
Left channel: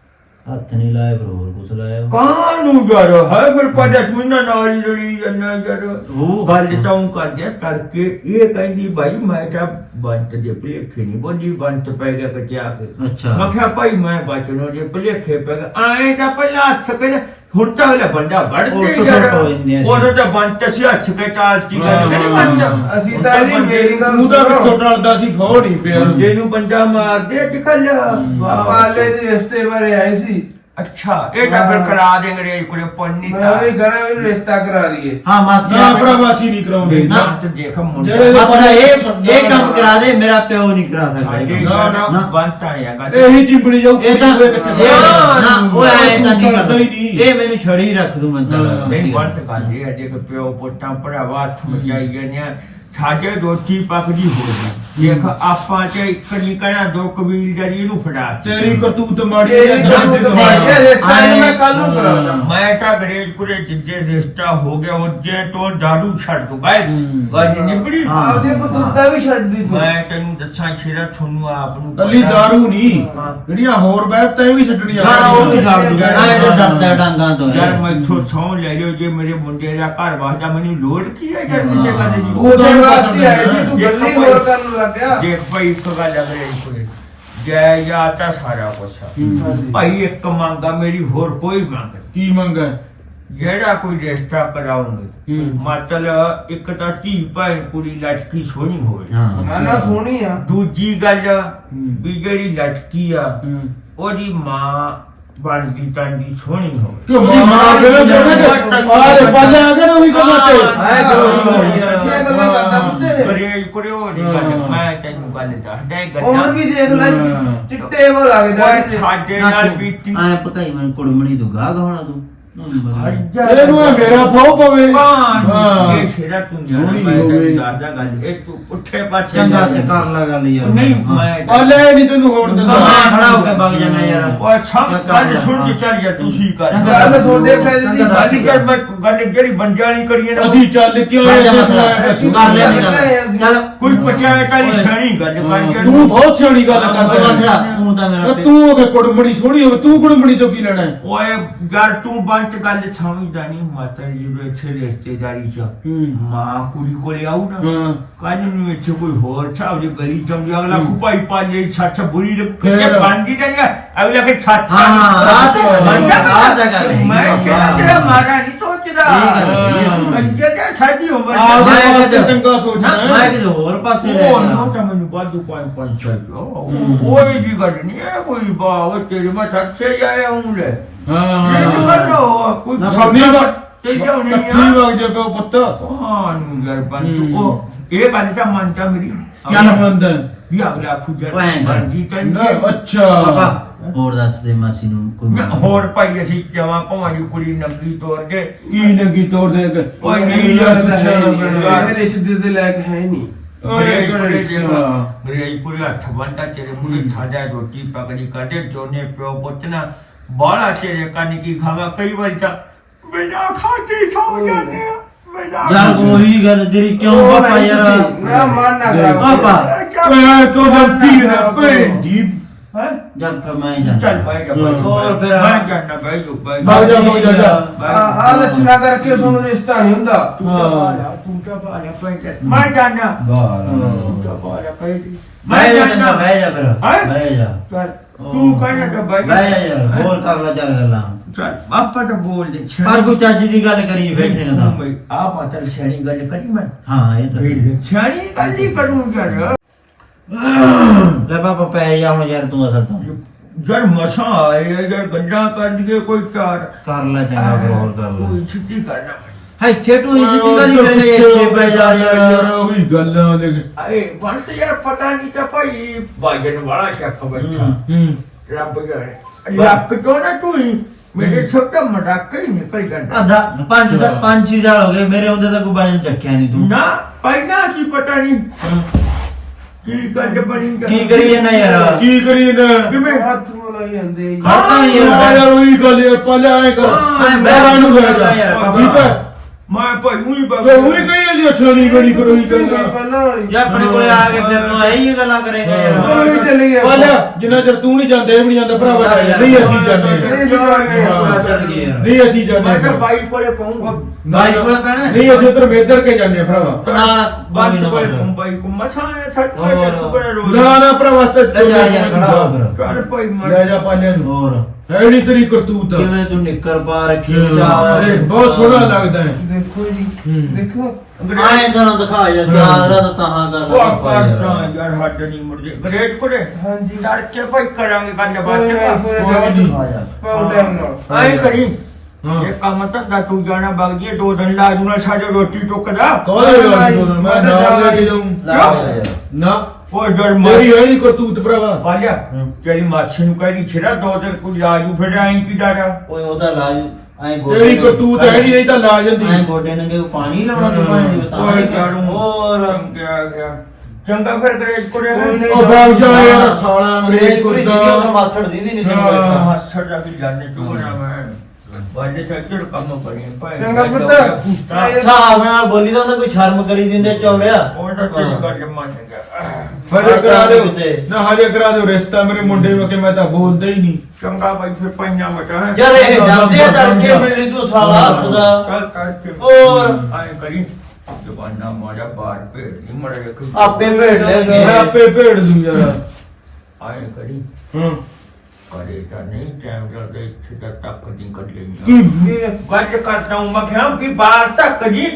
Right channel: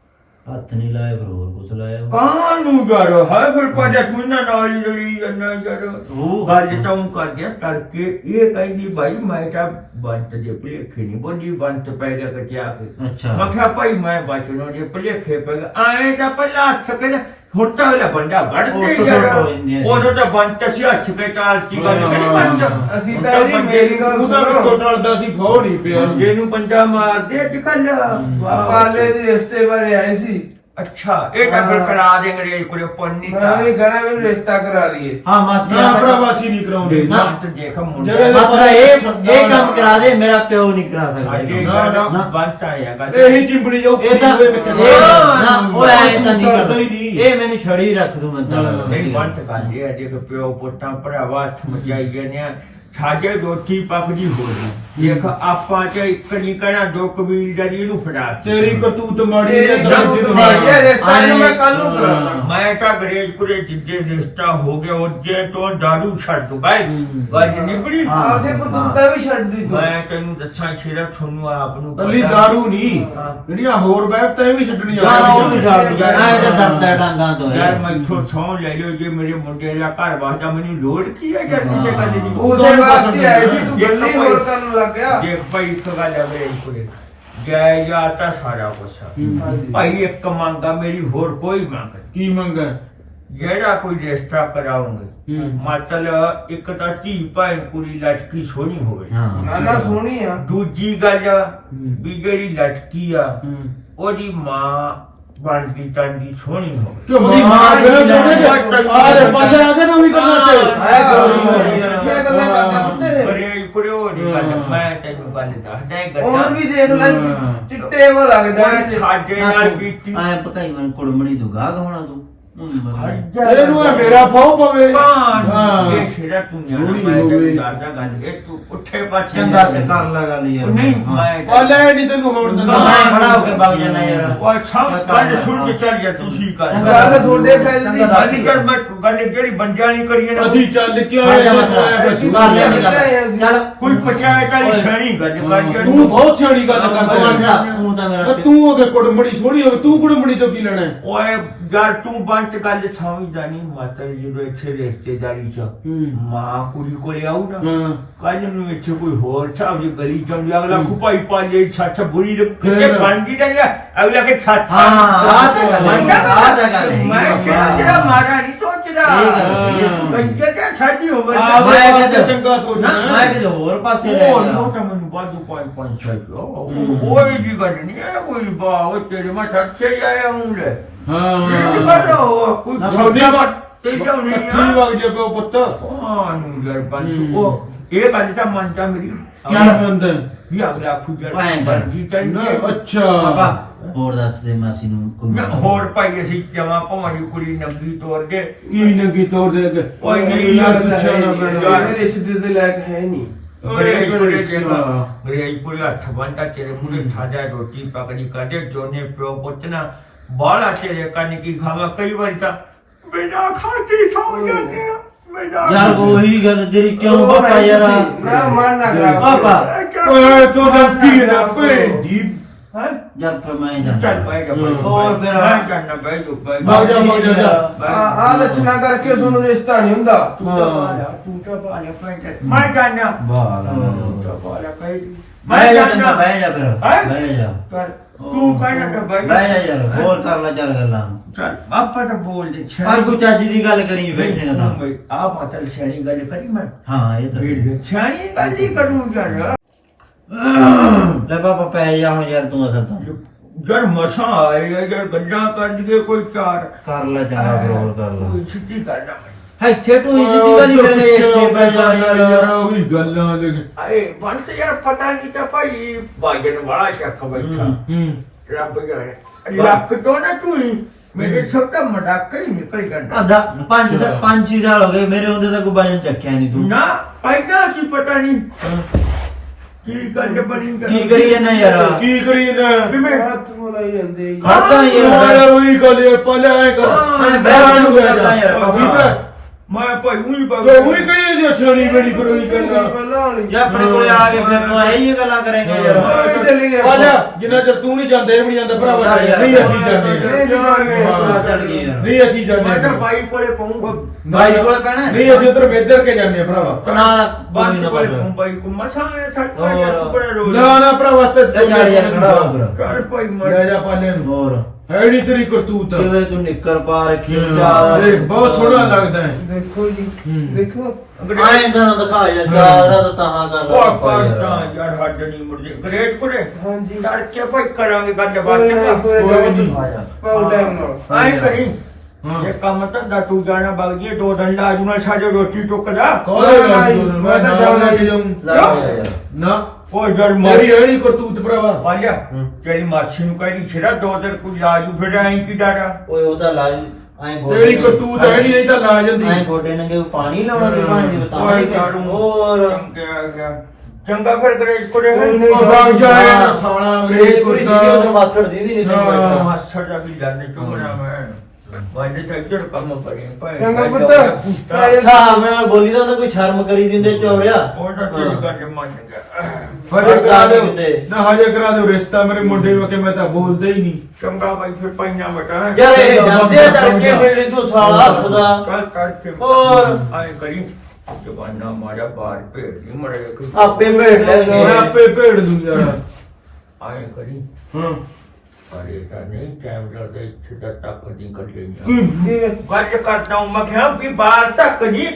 B: ਹੱਥ ਨਹੀਂ ਲਾਇਆ ਫਿਰ ਹੋਰ ਕੁਛ ਲਾਇਆ
D: ਕਾਹਨੂੰ ਯਾਰ ਹੈ ਫਿਰ ਪੜਿਆ ਤੂੰ ਨਾ ਨਾਲ ਹੀ ਲੜੀ ਜਾਂਦਾ ਯਾਰ
B: ਉਹ
D: ਗੱਲ ਤਾਂ ਉਹ ਕਰਦੇ ਕਰਕੇ ਇਹ ਕਹਿੰਦੀ ਭਾਈ ਮੈਂ ਤਾਂ ਬੰਤ ਦੇ ਭਲੇਖੇ ਨਹੀਂ ਬੋਲੀ ਬੰਤ ਪੈ ਗਿਆ ਕਚਿਆ ਕੇ
B: ਅੱਛਾ
D: ਮੈਂ ਕਿਹਾ ਭਾਈ ਮੈਂ ਬਚਨੋਂ ਦੇ ਭਲੇਖੇ ਪੈ ਗਿਆ ਆਏ ਤਾਂ ਪਹਿਲਾਂ ਹੱਥ ਕੇ ਹੁਣ ਤਾਂ ਹਲੇ ਬੰਦਾ
B: ਉਹ
D: ਵੜਦੇ
B: ਤਾਂ
D: ਯਾਰ
B: ਸੁੱਟ ਹੋ ਜਾਂਦੀਆਂ ਸੀ।
D: ਉਹਨੂੰ ਤਾਂ ਬੰਤ ਸੀ ਹੱਥ ਕੇ ਟਾਲਤੀ ਗੱਲ ਕਰੀ ਬੰਤ
E: ਅਸੀਂ
D: ਹੁਣ
E: ਤਾਂ ਇਹਦੀ
D: ਬੰਦੇ
E: ਮੇਰੀ ਗੱਲ
C: ਤੂੰ ਤਾਂ ਵਿੱਚੋਂ ਟਲਦਾ ਸੀ ਫੋ ਨਹੀਂ ਪਿਆ
D: ਬੰਦੇ ਨੂੰ ਬੰਦਾ ਮਾਰਦੇ ਅੱਜ ਕੱਲ
E: ਪਾਲੇ ਦੇ ਰਿਸ਼ਤੇ ਬਾਰੇ ਆਏ ਸੀ
D: ਅੱਛਾ ਇਹ ਤਾਂ ਫਿਰ ਕਰਾ ਦੇ ਅੰਗਰੇਜ਼ ਕੋਲੇ ਪੰਨੀ
E: ਮੈਂ
D: ਤਾਂ
E: ਵੀ ਗਣਾ ਵੀ ਰਿਸ਼ਤਾ ਕਰਾ ਦਈਏ
B: ਹਾਂ ਮਾਸੀ
C: ਨਾ ਪ੍ਰਵਾਸੀ ਨਹੀਂ ਕਰਾਉਂਦੇ
B: ਨਾ।
D: ਬੰਤ ਦੇਖ ਮੁੰਡਾ
C: ਜਿਹੜੇ-
B: ਮਾਸੜਾ ਇਹ ਇਹ ਕੰਮ ਕਰਾ ਦੇ ਮੇਰਾ ਪਿਓ ਨਹੀਂ ਕਰਾ ਸਕਦਾ
D: ਸਾਡੇ
B: ਇਹ ਕੰਮ।
C: ਨਾ, ਨਾ।
B: ਨਾ।
D: ਬੰਤ ਆਇਆ ਗੱਲ
C: ਇਹੀ ਚਿੰਬੜੀ ਜਾਊ
B: ਇਹ ਤਾਂ ਇਹ ਨਾ ਉਹ ਐ ਤਾਂ ਨਹੀਂ
C: ਕਰਦਾ
B: ਕਰਦਾ
C: ਹੀ ਨਹੀਂ।
B: ਇਹ ਮੈਨੂੰ ਛੜੀ ਰੱਖ ਦੂ ਮੈਂ ਤਾਂ
C: ਹਾਂ,
D: ਨਹੀਂ ਬੰਤ ਗੱਲ ਇਹ ਹੈ ਜੇ ਪਿਓ ਪੁੱਤਾਂ ਭਰਾਵਾ ਹੱਥ ਮਚਾਈ ਗਏ ਨੇ ਸਾਡੇ ਰੋਟੀ ਪੱਕਦੀ ਹੋ ਗਈ ਦੇਖ ਆਪਾਂ ਚ ਇੱਕ ਨਹੀਂ ਕਹਿਣਾ ਦੋ ਕਬੀਲਦਾਰੀ ਇਹਨੂੰ ਫੜਾ
C: ਤੇਰੀ ਕਰਤੂਤ ਮਾੜੀ
E: ਇਹ
C: ਹੈ ਦਰਦ
E: ਇਹ
C: ਦਿਖਾਈ
E: ਰਿਸ਼ਤਾ ਇਹਨੂੰ ਮੈਂ ਕੱਲ ਨੂੰ ਕਰਾਉਣਾ
D: ਮੈਂ ਤਾਂ ਅੰਗਰੇਜ਼ ਕੋਲੇ ਜਿੱਦੇ ਰਿਸ਼ਤਾ ਹੋ ਗਿਆ ਉਹਦੇ ਤੋਂ ਦਾਰੂ ਛੱਡ ਦੂ ਬਾਈ
B: ਹੂੰ।
D: ਗੱਲ ਨਿਬੜੀ
B: ਹਾਂ।
E: ਆਪਦੇ ਕੁੱਤਾ ਵੀ ਛੱਡ ਦੀ ਤੂੰ
D: ਮੈਂ ਤੈਨੂੰ ਦੱਸਾਂ ਸ਼ੇਰਾ ਤੁਹਾਨੂੰ ਆਪ ਨੂੰ
C: ਕੱਲੀ
D: ਪਤਾ-
C: ਦਾਰੂ ਨਹੀਂ
D: ਹਾਂ।
C: ਜਿਹੜੀਆਂ ਹੋਰ ਬਹਿਤ ਇਹ ਵੀ ਛੱਡਣੀਆਂ
B: ਨਾ ਨਾ ਉਹ ਵੀ ਛੱਡ ਦੂਗਾ ਐ ਤਾਂ ਡਰਦਾ ਹੈ ਡਾਂਗਾਂ ਤੋਂ
D: ਯਾਰ
B: ਇਹ।
D: ਮੈਂ ਇੱਥੋਂ ਸੌਂ ਲੈ ਲਿਓ ਜੇ ਮੇਰੇ ਮੁੰਡੇ ਦਾ ਘਰ ਵਾਸਤਾ ਮੈਨੂੰ ਲੋੜ ਕੀ ਹੈ ਯਾਰ ਕਿਸੇ ਗੱਲ ਦੀ
E: ਉਸੇ ਵਾਸਤੇ ਆਏ ਸੀ ਤੂੰ ਗੱਲੀ ਹੋਰ ਕਰਨ ਲੱਗ ਗਿਆ
D: ਦੇਖ ਭਾਈ ਇੱਕ ਗੱਲ ਹੈ ਮੇਰੇ ਕੋਲੇ ਜੈ ਜਾ ਤਾਂ ਸਾਰਾ ਕੁਛ ਆ।
E: ਹਾਂਜੀ।
D: ਭਾਈ ਇੱਕ ਮੰਗਾ ਮੇਰੀ ਹੋਰ ਕੋਈ ਮੰਗ ਨਹੀਂ।
C: ਕੀ ਮੰਗ ਹੈ
D: ਜਿਹੜਾ ਕੋਈ ਰਿਸ਼ਤਾ ਕਰਾਉਂਗੇ
C: ਹੂੰ।
D: ਮਤਲਬ ਇੱਕ ਤਾਂ ਧੀ ਭੈਣ ਕੁੜੀ ਲਟਕੀ ਸੋਹਣੀ ਹੋਵੇ
B: ਹਾਂ
E: ਨਾ ਨਾ ਸੋਹਣੀ ਆ
D: ਦੂਜੀ ਗੱਲ ਵੀ ਜਿਹੜੀ ਲਟਕੀ ਆ
C: ਹੂੰ
D: ਉਹਦੀ ਮਾਂ ਬਣਦੀ ਤੰਦੀ ਸੋਹਣੀ ਹੋਵੇ
C: ਤੇ ਉਹਦੀ ਮਾਂ ਫਿਰ ਕਹਿੰਦੇ ਆਰੇ ਪੱਲੇ ਆ ਗਏ ਨਾ ਉਹੀ ਗੱਲਾਂ ਤੇ
B: ਆਏ ਦੋ
E: ਇਹ ਗੱਲਾਂ ਕਰਦਾ ਪੁੱਤੇ
D: ਗਰੇਜ ਕੁੜਿਓ ਨਹੀਂ ਗੱਲ ਮੈਂ ਤੈਨੂੰ ਗੱਲ ਦੱਸਦਾ ਇਹ
E: ਹੁਣ
D: ਗੱਲਾਂ
E: ਵੀ ਦੇਖ ਲੈ ਚਿੱਟੇ ਵਾਲ ਲੱਗਦਾ
D: ਕੋਈ ਸਾਡੇ ਨਾਲ ਬੀਤੀ
B: ਐ ਪਕਾਈ ਮੈਨੂੰ ਕੁੜਮਣੀ ਤੋਂ ਗਾਹ ਹੋਣਾ ਤੂੰ
C: ਇਹਨੂੰ ਆ ਮੇਰਾ ਫਾਉ ਪਵੇ
D: ਹਾਂ ਇਹ ਸ਼ੇਰਾ ਤੂੰ ਜਾਣਾ
C: ਲੋਹੜੀ
D: ਮੈਂ
C: ਹੋਵੇ।
D: ਤੈਨੂੰ ਦੱਸਦਾ ਗੱਲ ਇਹ ਤੂੰ ਉੱਠੇ ਪਾਛੇ
B: ਚੰਗਾ ਤੇ ਕਰ ਲਾ ਗੱਲ ਯਾਰ
D: ਨਹੀਂ
B: ਹਾਂ।
D: ਮੈਂ
C: ਆ ਲੈ ਨਹੀਂ ਤੈਨੂੰ ਹੋਣ ਦਿੰਦਾ
B: ਮੈਂ ਖੜਾ ਹੋ ਕੇ ਵਗ ਜਾਣਾ ਯਾਰ
D: ਉਹ ਸਭ ਗੱਲ ਸੁਣ ਕੇ ਚੱਲ ਜਾ ਤੁਸੀਂ ਕਰ
B: ਚੰਗਾ।
E: ਗੱਲ ਸੋਡੇ ਫਾਇਦੇ ਦੀ
D: ਸਾਡੀ ਕਰ ਮੈਂ ਗੱਲ ਜਿਹੜੀ ਬੰਜਾਂ ਵਾਲੀ ਕਰੀਏ ਨਾ
C: ਅਸੀਂ ਚੱਲ ਕਿਉਂ
B: ਸਾਡਾ
C: ਇਹ
B: ਮਤਲਬ ਕਰ ਲੈ ਦੀ ਗੱਲ ਚੱਲ
D: ਕੋਈ ਪਚਾਇਆ ਕਾਲੀ ਸ਼ਾਣੀ ਗੱਲ ਕਰ
C: ਤੂੰ ਬਹੁਤ ਸਿਆਣੀ ਗੱਲ
B: ਉਹ
C: ਕਰਦਾ
B: ਮਸੜਾ ਤੂੰ ਤਾਂ ਮੇਰਾ
C: ਤੇ ਤੂੰ ਉਹ ਕੁੜਮਣੀ ਸੋਹਣੀ ਹੋਵੇ ਤੂੰ ਕੁੜਮਣੀ ਤੋਂ ਕੀ ਲੈਣਾ ਹੈ?
D: ਓਏ ਯਾਰ ਤੂੰ ਬੰਚ ਗੱਲ ਸਮਝਦਾ ਨਹੀਂ ਮਾਤਾ ਜਦੋਂ ਇੱਥੇ ਰਿਸ਼ਤੇਦਾਰੀ ਚ
C: ਹੂੰ
D: ਮਾਂ ਕੁੜੀ ਕੋਲੇ ਆਉ ਨਾ
C: ਹਾਂ
D: ਕੱਲ ਨੂੰ ਇੱਥੇ ਕੋਈ ਹੋਰ ਸਾਹਿਬ ਦੀ ਗਲੀ ਚੋਂ ਅਗਲਾ ਖੁਪਾਈ ਪਾ ਲਈ ਸੱਚ ਬੁਰੀ ਦੇ
C: ਫੇਰ।
D: ਬਣ ਗਈ ਤਾਂ ਅਗਲਾ ਕੇ ਸੱਚ
B: ਹਾਂ, ਹਾਂ, ਆਹ ਤਾਂ ਗੱਲ ਹੈ,
D: ਬਣ ਗਿਆ।
B: ਆਹ ਤਾਂ ਗੱਲ ਹੈ।
D: ਮੈਂ ਕਿਹਾ ਜਿਹੜਾ ਮਾਰਾ ਨਹੀਂ ਸੋਚਦਾ
B: ਇਹ ਗੱਲ ਹੈ, ਇਹ ਤਾਂ-
D: ਕੰਜਰ ਦਾ ਸਾਡੀ ਉਮਰ
C: ਆਹ
D: ਦਾ
B: ਮੈਂ
C: ਮੈਂ
B: ਕਿਤੇ-
C: ਚੰਗਾ ਸੋਚਣਾ
B: ਮੈਂ
C: ਹੈ।
B: ਕਿਤੇ ਹੋਰ ਪਾਸੇ ਲੈ
D: ਉਹ
B: ਗਿਆ
D: ਨਾ ਤਾਂ ਮੈਨੂੰ ਬਾਦੂ ਪਾਈ ਪੰਚਾਇਤ ਉਹ ਜੀ ਗੱਲ ਨਹੀਂ ਹੈ ਕੋਈ ਬਾ ਉਹ ਤੇਰੇ ਮੈਂ ਸੱਚੇ ਆਇਆ ਹੂੰ ਲੈ
C: ਹਾਂ
D: ਇਹ ਗੱਲ ਹੋ ਕੋਈ
B: ਨਾ,
D: ਸਭੇ ਤੇ ਕਿਉਂ ਨਹੀਂ
C: ਕੀ
D: ਆ
C: ਵਗ ਜਾ ਪਿਓ ਪੁੱਤ
D: ਨੂੰ ਯਾਰ ਬੰਦ ਉਹ ਇਹ ਗੱਲ ਤਾਂ ਮੰਨਤਾ ਮੇਰੀ
C: ਕੀ ਮੰਨਦਾ
D: ਵੀ ਅਗਲਾ ਖੁਜਰ
B: ਭੈਣ ਦਾ।
D: ਬੰਦੀ
C: ਨਾ
D: ਕਹਿੰਦੇ
C: ਅੱਛਾ
B: ਪਾਪਾ ਹੋਰ ਦੱਸ ਦੇ ਮਾਸੀ ਨੂੰ ਕੋਈ
D: ਮੈਂ ਹੋਰ ਭਾਈ ਅਸੀਂ ਜਮਾ ਭਾਵਾਂ ਦੀ ਕੁੜੀ ਨੰਗੀ ਤੋੜ ਕੇ
C: ਕੀ ਨੰਗੀ ਤੋੜ ਦੇ ਅੱਗੇ
D: ਓਏ ਨਹੀਂ
C: ਯਾਰ
D: ਯਾਰ
C: ਪੁੱਛਿਆ ਨਾ ਪੈਣਾ।
E: ਇਹ ਰਿਸ਼ਤੇ ਦੇ ਲਾਇਕ ਹੈ ਹੀ ਨਹੀਂ
D: ਗਰੇਜ ਪੁਰੇ ਦੇਖਾ
C: ਅੱਛਾ।
D: ਗਰੇਜ ਪੁਰੇ ਹੱਥ ਬੰਦਾ ਤੇਰੇ ਮੂਹਰੇ ਛਾਜਾ ਰੋਟੀ ਪਕੜੀ ਕਰਦੇ ਜੋਨੇ ਪਿਓ ਪੁੱਤਨਾ ਬਾਲਾ ਤੇਰੇ ਕੰਨ ਕੀ ਖਾਵਾ ਕਈ ਵਾਰੀ ਤਾਂ ਬਿਨਾ ਖਾਤੀ ਸੌ ਜਾਂਦੇ ਆ ਬਿਨਾ
B: ਯਾਰ ਉਹੀ ਗੱਲ ਤੇਰੀ ਕਿਉਂ ਪਾਪਾ ਯਾਰ
E: ਨਾ ਮਨ ਨਾ ਕਰਾ
B: ਪਾਪਾ
C: ਓਏ ਤੂੰ ਗਲਤੀ ਨਾ ਭੈਣ ਦੀ
D: ਹੈ
B: ਜਦ ਫਿਰ ਮੈਂ ਜਾ
D: ਚੱਲ ਪਾਏਗਾ ਭਾਈ
B: ਹੋਰ ਫਿਰ
D: ਮੈਂ ਜਾਣਾ ਬਈ ਲੋ ਬਈ
C: ਮਰ ਜਾ ਮਰ ਜਾ
E: ਆ ਲੱਛਣਾ ਕਰਕੇ ਤੁਹਾਨੂੰ ਰਿਸ਼ਤਾ ਨਹੀਂ ਹੁੰਦਾ
D: ਤੂੰ ਤਾਂ ਬਾਲਾ ਤੂੰ ਤਾਂ ਬਾਲਾ ਭਾਈ ਮੈਂ ਜਾਣਾ ਤੂੰ ਤਾਂ ਬਾਲਾ ਭਾਈ
B: ਬਹਿ ਜਾ ਚੰਗਾ ਬਹਿ ਜਾ ਫਿਰ
D: ਹੈਂ?
B: ਬਹਿ ਜਾ
D: ਪਰ ਤੂੰ ਕਹਿਣਾ ਤਾਂ ਬਾਈ
B: ਬਹਿ ਜਾ ਯਾਰ ਹੋਰ ਕਰ ਲੈ ਚੱਲ ਗੱਲਾਂ
D: ਚੱਲ ਆਪਾਂ ਤਾਂ ਬੋਲ ਦੇ
B: ਪਰ ਕੋਈ ਚੱਜ ਦੀ ਗੱਲ ਕਰੀ ਬੈਠੇ ਨਾ ਤਾਂ।
D: ਆ ਮਤਲਬ ਸਿਆਣੀ ਗੱਲ ਕਰੀ ਮੈਂ
B: ਹਾਂ ਇਹ ਤਾਂ ਸਹੀ।
D: ਸਿਆਣੀ ਗੱਲ ਹੀ ਕਰੂੰ ਯਾਰ
B: ਲੈ ਪਾਪਾ ਪੈ ਜਾ ਹੁਣ ਯਾਰ ਤੂੰ ਅਸਲ ਤਾਂ
D: ਯਾਰ ਮਸਾਂ ਆਏ ਆ ਯਾਰ ਗੱਲਾਂ ਕਰ ਲਈਏ ਕੋਈ ਚਾਰ
B: ਕਰ ਲੈ ਚੰਗਾ ਫਿਰ ਹੋਰ ਕਰ ਲੈ
D: ਕੋਈ ਛੁੱਟੀ ਕਰਨਾ
B: ਹੈ ਇੱਥੇ ਤੂੰ ਇਹ ਦੀ ਗੱਲ ਕਰਨੇ ਇੱਥੇ ਪੈ ਜਾ ਯਾਰ
C: ਯਾਰ ਉਹੀ ਗੱਲਾਂ ਲੇਕਿਨ
D: ਆਏ ਬੰਤ ਯਾਰ ਪਤਾ ਨਹੀਂ ਤਾਂ ਭਾਈ ਬਾਜਨ ਵਾਲਾ ਸ਼ੱਕ ਬੈਠਾ
C: ਹੂੰ
D: ਰੱਬ ਜਾਣੇ ਲੱਕ ਤੋਂ ਨਾ ਤੂੰ ਹੀ ਮੇਰੇ ਛੋਟਾ ਮਟਾਕਾ ਹੀ ਨਿਕਲ ਜਾਂਦਾ
B: ਆਧਾ ਪੰਜ ਪੰਜ ਛੇ ਸਾਲ ਹੋ ਗਏ ਮੇਰੇ ਹੁੰਦੇ ਤਾਂ ਕੋਈ ਵਜਨ ਚੱਕਿਆ ਨਹੀਂ ਤੂੰ
D: ਨਾ ਪਹਿਲਾਂ ਕੀ ਪਤਾ ਨਹੀਂ ਕੀ ਗੱਲ ਬਣੀ
B: ਕੀ ਕਰੀਏ ਨਾ ਯਾਰ
C: ਕੀ ਕਰੀਏ ਨਾ
D: ਕਿਵੇਂ
E: ਹੱਥ ਮਲਾਈ ਜਾਂਦੇ
B: ਖੜਦਾ ਨਹੀਂ
C: ਯਾਰ
B: ਯਾਰ
C: ਉਹੀ ਗੱਲ ਯਾਰ ਪਹਿਲਾਂ ਐ ਕਰ
B: ਮੈਂ ਬੈਠ ਨੂੰ ਕਰਦਾ ਯਾਰ
C: ਠੀਕ
B: ਪਾਪਾ
C: ਹੈ
D: ਮੈਂ ਭਾਈ ਉਹੀ
C: ਤੇ
D: ਬਗ
C: ਉਹੀ ਕਹੀ ਦੀ ਛੜੀ ਬੜੀ ਕਰੋਈ ਗੱਲਾਂ
E: ਪਹਿਲਾਂ ਵਾਲੀ
B: ਯਾਰ ਆਪਣੇ ਕੋਲੇ ਆ ਕੇ ਫਿਰ ਤੂੰ ਇਹੀ ਗੱਲਾਂ ਕਰੇਗਾ ਯਾਰ
E: ਉਹ ਚੱਲੀ ਗਿਆ
C: ਪਹਿਲਾਂ ਜਿੰਨਾ ਚਿਰ ਤੂੰ ਨਹੀਂ ਜਾਂਦਾ ਇਹ ਵੀ ਨਹੀਂ ਜਾਂਦਾ ਭਰਾਵਾ ਨਹੀਂ ਅਸੀਂ ਜਾਂਦੇ
E: ਇਹ ਜਵਾਨ
B: ਪੂਰਾ ਚੱਲ ਗਿਆ ਯਾਰ
C: ਨਹੀਂ ਅਸੀਂ
D: ਮੈਂ ਤਾਂ
C: ਜਾਂਦੇ
D: ਬਾਈ ਕੋਲੇ ਪਹੁੰਚ
B: ਬਾਈ ਕੋਲੇ ਪੈਣਾ
C: ਨਹੀਂ ਅਸੀਂ ਉਧਰ ਮੇਜਰ ਕੇ ਜਾਂਦੇ ਆ ਭਰਾਵਾ
B: ਨਾ
D: ਬੰਦ
B: ਨਾ
D: ਕੋਲੇ ਪਹੁੰਚ ਬਾਈ ਕੋ ਮਛਾ ਹੈ ਛੱਡ
B: ਹੋਰ।
D: ਕੇ ਤੂੰ ਬੜਾ ਰੋ
C: ਨਾ ਨਾ ਭਰਾਵਾ ਤੇ
B: ਲੈ ਜਾ ਯਾਰ ਖੜਾ ਹੋ ਫਿਰ
D: ਕਰ ਭਾਈ
C: ਲੈ
D: ਮਰ
C: ਜਾ ਪਾਲੇ ਨੂੰ
B: ਹੋਰ
C: ਹੈ ਨਹੀਂ ਤੇਰੀ ਕਰਤੂਤ
B: ਕਿਵੇਂ ਤੂੰ ਨਿੱਕਰ ਪਾ ਰੱਖੀ
C: ਦੇਖ ਬਹੁਤ ਸੋਹਣਾ ਲੱਗਦਾ ਹੈ
E: ਦੇਖੋ ਜੀ
C: ਹੂੰ।
E: ਦੇਖੋ
B: ਆਏ ਜਨੋਂ ਦਿਖਾ ਯਾਰ ਯਾਰ ਤਾਂ ਤਾਂ ਕਰ
D: ਉਹ ਕਰਦਾ ਯਾਰ ਹੱਡ ਨਹੀਂ ਮੁੜਦੇ ਗ੍ਰੇਟ ਕੋਲੇ
E: ਹਾਂਜੀ
D: ਡਰ ਕੇ ਭਾਈ ਕਰਾਂਗੇ ਗੱਲ ਬਾਤ
E: ਕੋਈ
D: ਚੰਗਾ
E: ਕੋਈ
C: ਕੋਈ
B: ਆ ਜਾ
E: ਪਾਉ ਟਾਈਮ ਨਾਲ
D: ਆਏ ਕਰੀ
C: ਹਾਂ।
D: ਇਹ ਕੰਮ ਤਾਂ ਦਾ ਤੂੰ ਜਾਣਾ ਬਗ ਜੀ ਦੋ ਦਿਨ ਲਾ ਜੂਨਾ ਸਾਡੇ ਰੋਟੀ ਟੁੱਕਦਾ
C: ਕੋਲੇ ਯਾਰ ਮੈਂ ਤਾਂ ਨਾਲ ਲੈ ਕੇ ਜਾਊਂ
B: ਲੈ ਯਾਰ
C: ਨਾ
D: ਉਹ ਜਰ
C: ਮੇਰੀ
D: ਮਾਰੀ
C: ਹੈ ਨਹੀਂ ਕਰਤੂਤ ਭਰਾਵਾ
D: ਪਾਲਿਆ ਤੇਰੀ ਮਾਛੀ ਨੂੰ ਕਹਿਣੀ ਛੇੜਾ ਦੋ ਦਿਨ ਕੋਈ ਆਜੂ ਫਿਰ ਐਂ ਕੀ ਡਾਰਾ
B: ਓਏ ਉਹਦਾ ਲਾਜ ਐ
C: ਤੇਰੀ ਕਰਤੂਤ ਹੈ ਨਹੀਂ ਨਹੀਂ ਤਾਂ ਲਾ
B: ਐ
C: ਜਾਂਦੀ
B: ਗੋਡੇ ਨੰਗੇ ਪਾਣੀ ਲਾਉਣਾ ਤੂੰ ਪਾਣੀ ਬਤਾ
D: ਓਏ ਕਰੂੰ
B: ਹੋਰ
D: ਗਿਆ ਗਿਆ ਚੰਗਾ ਫਿਰ ਗ੍ਰੇਟ ਕੋਲੇ
E: ਕੋਈ ਨਹੀਂ।
C: ਉਹ ਬਾਗ ਜਾਏ ਨਾ ਸਾਲਾ
B: ਮੇਰੇ
C: ਮੇਰੇ
B: ਪੂਰੀ ਜਿੱਦੀ ਉਧਰ
C: ਕੁੱਤਾ
B: ਮਾਸੜ ਦੀ ਦੀ ਨਹੀਂ
C: ਹਾਂ।
B: ਤੈਨੂੰ
D: ਮਾਸਟਰ ਦਾ ਵੀ ਜਾਣੇ ਤੂੰ ਨਾ ਮੈਂ ਵਾਲੇ ਚੱਕਰ ਕੰਮ ਕਰੀ ਭਾਈ
E: ਚੰਗਾ ਪੁੱਤ।
B: ਹਾਂ ਮੈਂ ਬੋਲੀ ਦਾ ਤਾਂ ਕੋਈ ਸ਼ਰਮ ਕਰੀ ਦਿੰਦੇ ਚੌੜਿਆ
D: ਉਹ ਤਾਂ ਤੇਰੀ ਗੱਲ ਮੰਨ ਗਿਆ
C: ਹਜੇ ਕਰਾ ਦਿਓ
B: ਉੱਤੇ।
C: ਨਾ ਹਜੇ ਕਰਾ ਦਿਓ ਰਿਸ਼ਤਾ ਮੇਰੇ ਮੁੰਡੇ ਨੂੰ ਕਿ ਮੈਂ ਤਾਂ ਬੋਲਦਾ ਹੀ ਨਹੀਂ
D: ਚੰਗਾ ਭਾਈ ਫਿਰ ਪੰਜਾ ਮਟਾ
B: ਯਾਰ ਇਹ ਜਾਂਦੇ ਆ ਤੜਕੇ ਮਿਲਣੀ ਤੂੰ ਸਾਲਾ ਹੱਥ ਦਾ
D: ਚੱਲ ਕਰਕੇ
B: ਹੋਰ।
D: ਆਏ ਕਰੀ ਜਵਾਨਾ ਮਾਰਾ ਬਾੜ ਭੇੜ ਨਹੀਂ ਮੜਾ ਕੋਈ
B: ਆਪੇ ਭੇੜ ਲੈ
C: ਮੈਂ ਆਪੇ ਭੇੜ ਦੂੰ ਯਾਰ
D: ਆਏ ਕਰੀ
C: ਹਾਂ
D: ਕਰੇ ਤਾਂ ਨਹੀਂ ਟਾਈਮ ਲੱਗਦਾ ਇੱਥੇ ਤਾਂ ਤੱਕ ਨਹੀਂ ਕੱਢੇ
C: ਕੀ
D: ਗੱਲ ਕਰਦਾ ਹੂੰ ਮੈਂ ਕਿਹਾ ਕਿ ਬਾਹਰ ਤੱਕ ਨਹੀਂ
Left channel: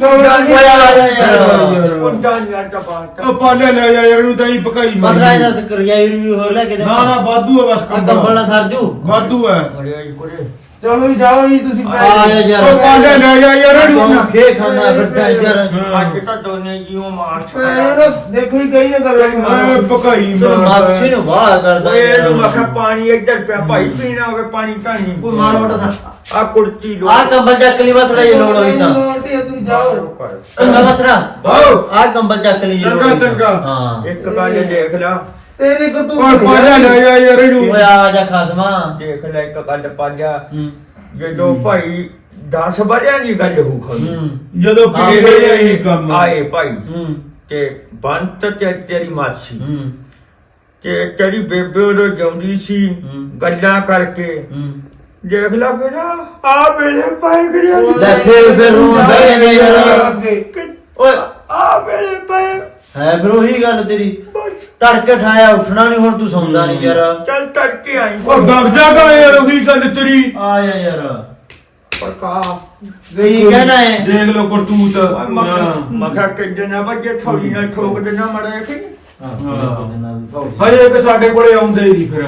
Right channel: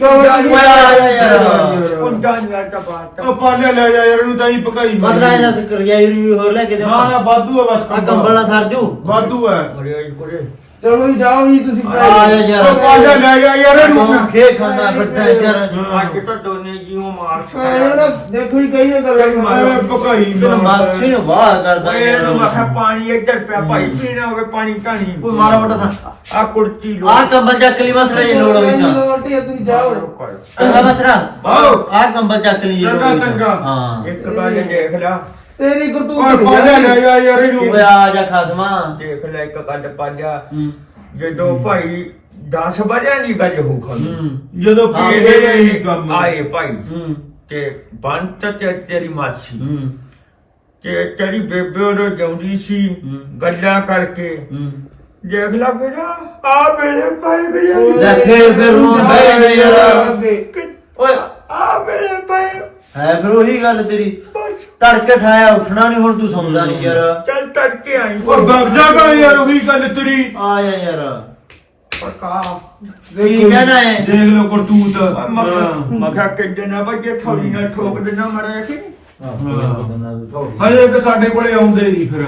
D: ਕੁੰਡਾ ਯਾਰ ਤਾਂ ਬਾਹਰ
C: ਉਹ
D: ਤੱਕ
C: ਪਾਲਿਆ ਲੈ ਜਾ ਯਾਰ ਉਹਨੂੰ ਤਾਂ ਹੀ ਪਕਾਈ
B: ਬਦਲਾ ਇਹਦਾ ਤੇ ਕਰਿਆਈ ਵੀ ਹੋਰ ਲੈ ਕੇ ਦੇ
C: ਨਾ ਨਾ ਵਾਧੂ ਆ ਬਸ
B: ਆ ਕੰਬਲ ਨਾ ਸਰ ਜੂ
C: ਵਾਧੂ ਆ
D: ਮਰਿਆ ਕੋਲੇ
E: ਚਲੋ ਜੀ ਜਾਓ ਜੀ ਤੁਸੀਂ
B: ਆ
E: ਪੈ
B: ਯਾਰ
C: ਉਹ ਪਾਲਿਆ ਲੈ ਜਾ ਯਾਰ ਇਹਨੂੰ
B: ਤੂੰ ਖੇ ਖਾਣਾ ਖੱਟਾ ਯਾਰ
D: ਅੱਜ ਤਾਂ ਦੋਨੇ ਜੀਓ ਮਾਰ
E: ਪੈ ਦੇਖੋ ਹੀ ਕਈ ਗੱਲਾਂ
C: ਐਵੇਂ ਪਕਾਈ
B: ਤੈਨੂੰ ਮਾਛੀ ਨੂੰ ਬਾਹਰ ਕਰਦਾ
D: ਓਏ
B: ਯਾਰ
D: ਇਹਨੂੰ ਮੈਂ ਕਿਹਾ ਪਾਣੀ ਇੱਧਰ ਪਿਆ ਭਾਈ ਪੀਣਾ ਹੋਵੇ ਪਾਣੀ ਢਾਣੀ
B: ਕੋਈ ਮਾੜਾ ਮੋਟਾ ਸਾ
D: ਆ ਕੁੜਤੀ ਲੋ
B: ਆ ਕੰਬਲ ਚੱਕ ਲਈ ਮਸੜਾ ਜੇ ਲੋੜ ਹੋਈ ਤਾਂ
E: ਲੋਟੀ ਤੁਸੀਂ ਜਾਓ
B: ਚੰਗਾ ਮਸੜਾ
C: ਆਓ।
B: ਆ ਕੰਬਲ ਚੱਕ ਲਈ ਜੇ ਲੋੜ
C: ਚੰਗਾ,
B: ਹੋਈ ਤਾਂ।
C: ਚੰਗਾ।
B: ਹਾਂ
D: ਇੱਕ ਗੱਲ ਦੇਖ ਲੈ
E: ਤੇਰੀ ਕੋ ਤੂੰ
C: ਓਏ ਪਾਲਿਆ ਲੈ ਜਾ ਯਾਰ ਇਹਨੂੰ
B: ਓਏ ਆ ਜਾ ਖਾਸਮਾ
D: ਦੇਖ ਲੈ ਇੱਕ ਗੱਲ ਪਾਜਾ
B: ਹੂੰ
D: ਜਦੋਂ ਭਾਈ ਦਸ ਵਜਿਆਂ ਦੀ ਗੱਲ ਹੋ ਖੜੀ
B: ਹੂੰ
C: ਜਦੋਂ
B: ਹਾਂ,
C: ਇਹ ਇਹੀ ਕੰਮ
D: ਆਏ ਭਾਈ
B: ਹੂੰ
D: ਤੇ ਬੰਤ ਤੇ ਤੇਰੀ ਮਾਸੀ
B: ਹੂੰ
D: ਤੇ ਤੇਰੀ ਬੇਬੇ ਉਹ ਜਾਉਂਦੀ ਸੀ
B: ਹੂੰ।
D: ਗੱਲਾਂ ਕਰਕੇ
B: ਹੂੰ
D: ਦੇਖ ਲੈ ਮੇਰਾ ਆ ਮੇਰੇ ਭਾਈ ਗਿਆ
B: ਲੈ ਫੇਰ ਫਿਰ ਹੁਣ ਬਹਿ ਗਏ ਯਾਰ ਓਏ
D: ਆ ਮੇਰੇ ਭਾਈ
B: ਹੈ ਫਿਰ ਉਹੀ ਗੱਲ ਤੇਰੀ
D: ਬਸ
B: ਤੜਕੇ ਠਾਇਆ ਉੱਠਣਾ ਨਹੀਂ ਹੁਣ ਤੂੰ ਸੌਂਦਾ ਨਹੀਂ ਯਾਰ
D: ਚੱਲ ਤੜਕੇ ਆਈ
C: ਉਹ ਵਗ ਜਾ ਗਾ ਯਾਰ ਉਹੀ ਗੱਲ ਤੇਰੀ
B: ਆ ਜਾ ਯਾਰ
D: ਪਕਾ
B: ਕੀ ਕਹਿਣਾ ਹੈ
C: ਦੇਖ ਲੋ ਕਰਤੂਤ
D: ਮਖਾ ਕਿੱਡੇ ਨਾ ਬੱਜੇ ਥੋੜੀ ਨਾਲ ਠੋਕ ਦੇਣਾ ਮੜਾ ਕਿ
C: ਹਜੇ ਕਿ ਸਾਡੇ ਕੋਲੇ ਆਉਂਦੇ ਹੀ ਫਿਰ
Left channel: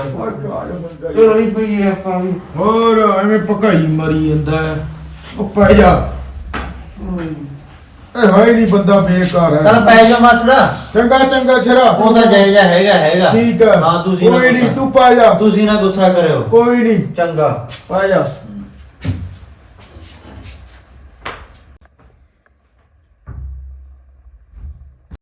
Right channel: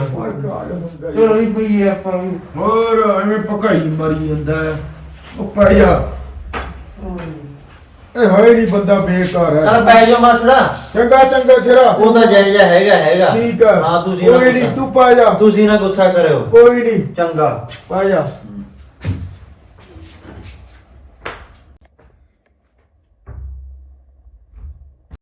E: ਚਲੋ ਹੀ ਪਈ ਆਪਾਂ ਵੀ
C: ਹੋਰ ਐਵੇਂ ਪਕਾਈ ਮਰੀ ਜਾਂਦਾ ਹੈ। ਉਹ ਪੈ ਜਾ ਇਹ ਹੈ ਨਹੀਂ ਬੰਦਾ ਬੇਕਾਰ
B: ਚੱਲ
C: ਹੈ
B: ਪੈ ਜਾ ਮਾਸੜਾ
C: ਚੰਗਾ ਚੰਗਾ ਸਿਰਾ
B: ਉਹ ਤਾਂ ਜਾਇਜ਼ਾ ਹੈਗਾ ਹੈਗਾ
C: ਠੀਕ ਹੈ
B: ਹਾਂ ਤੁਸੀਂ ਨਾ
C: ਕੋਈ ਨਹੀਂ
B: ਗੁੱਸਾ-
C: ਤੂੰ ਪਾ ਜਾ
B: ਤੁਸੀਂ ਨਾ ਗੁੱਸਾ ਕਰਿਓ
C: ਕੋਈ ਨਹੀਂ
B: ਚੰਗਾ
C: ਪਾ ਜਾ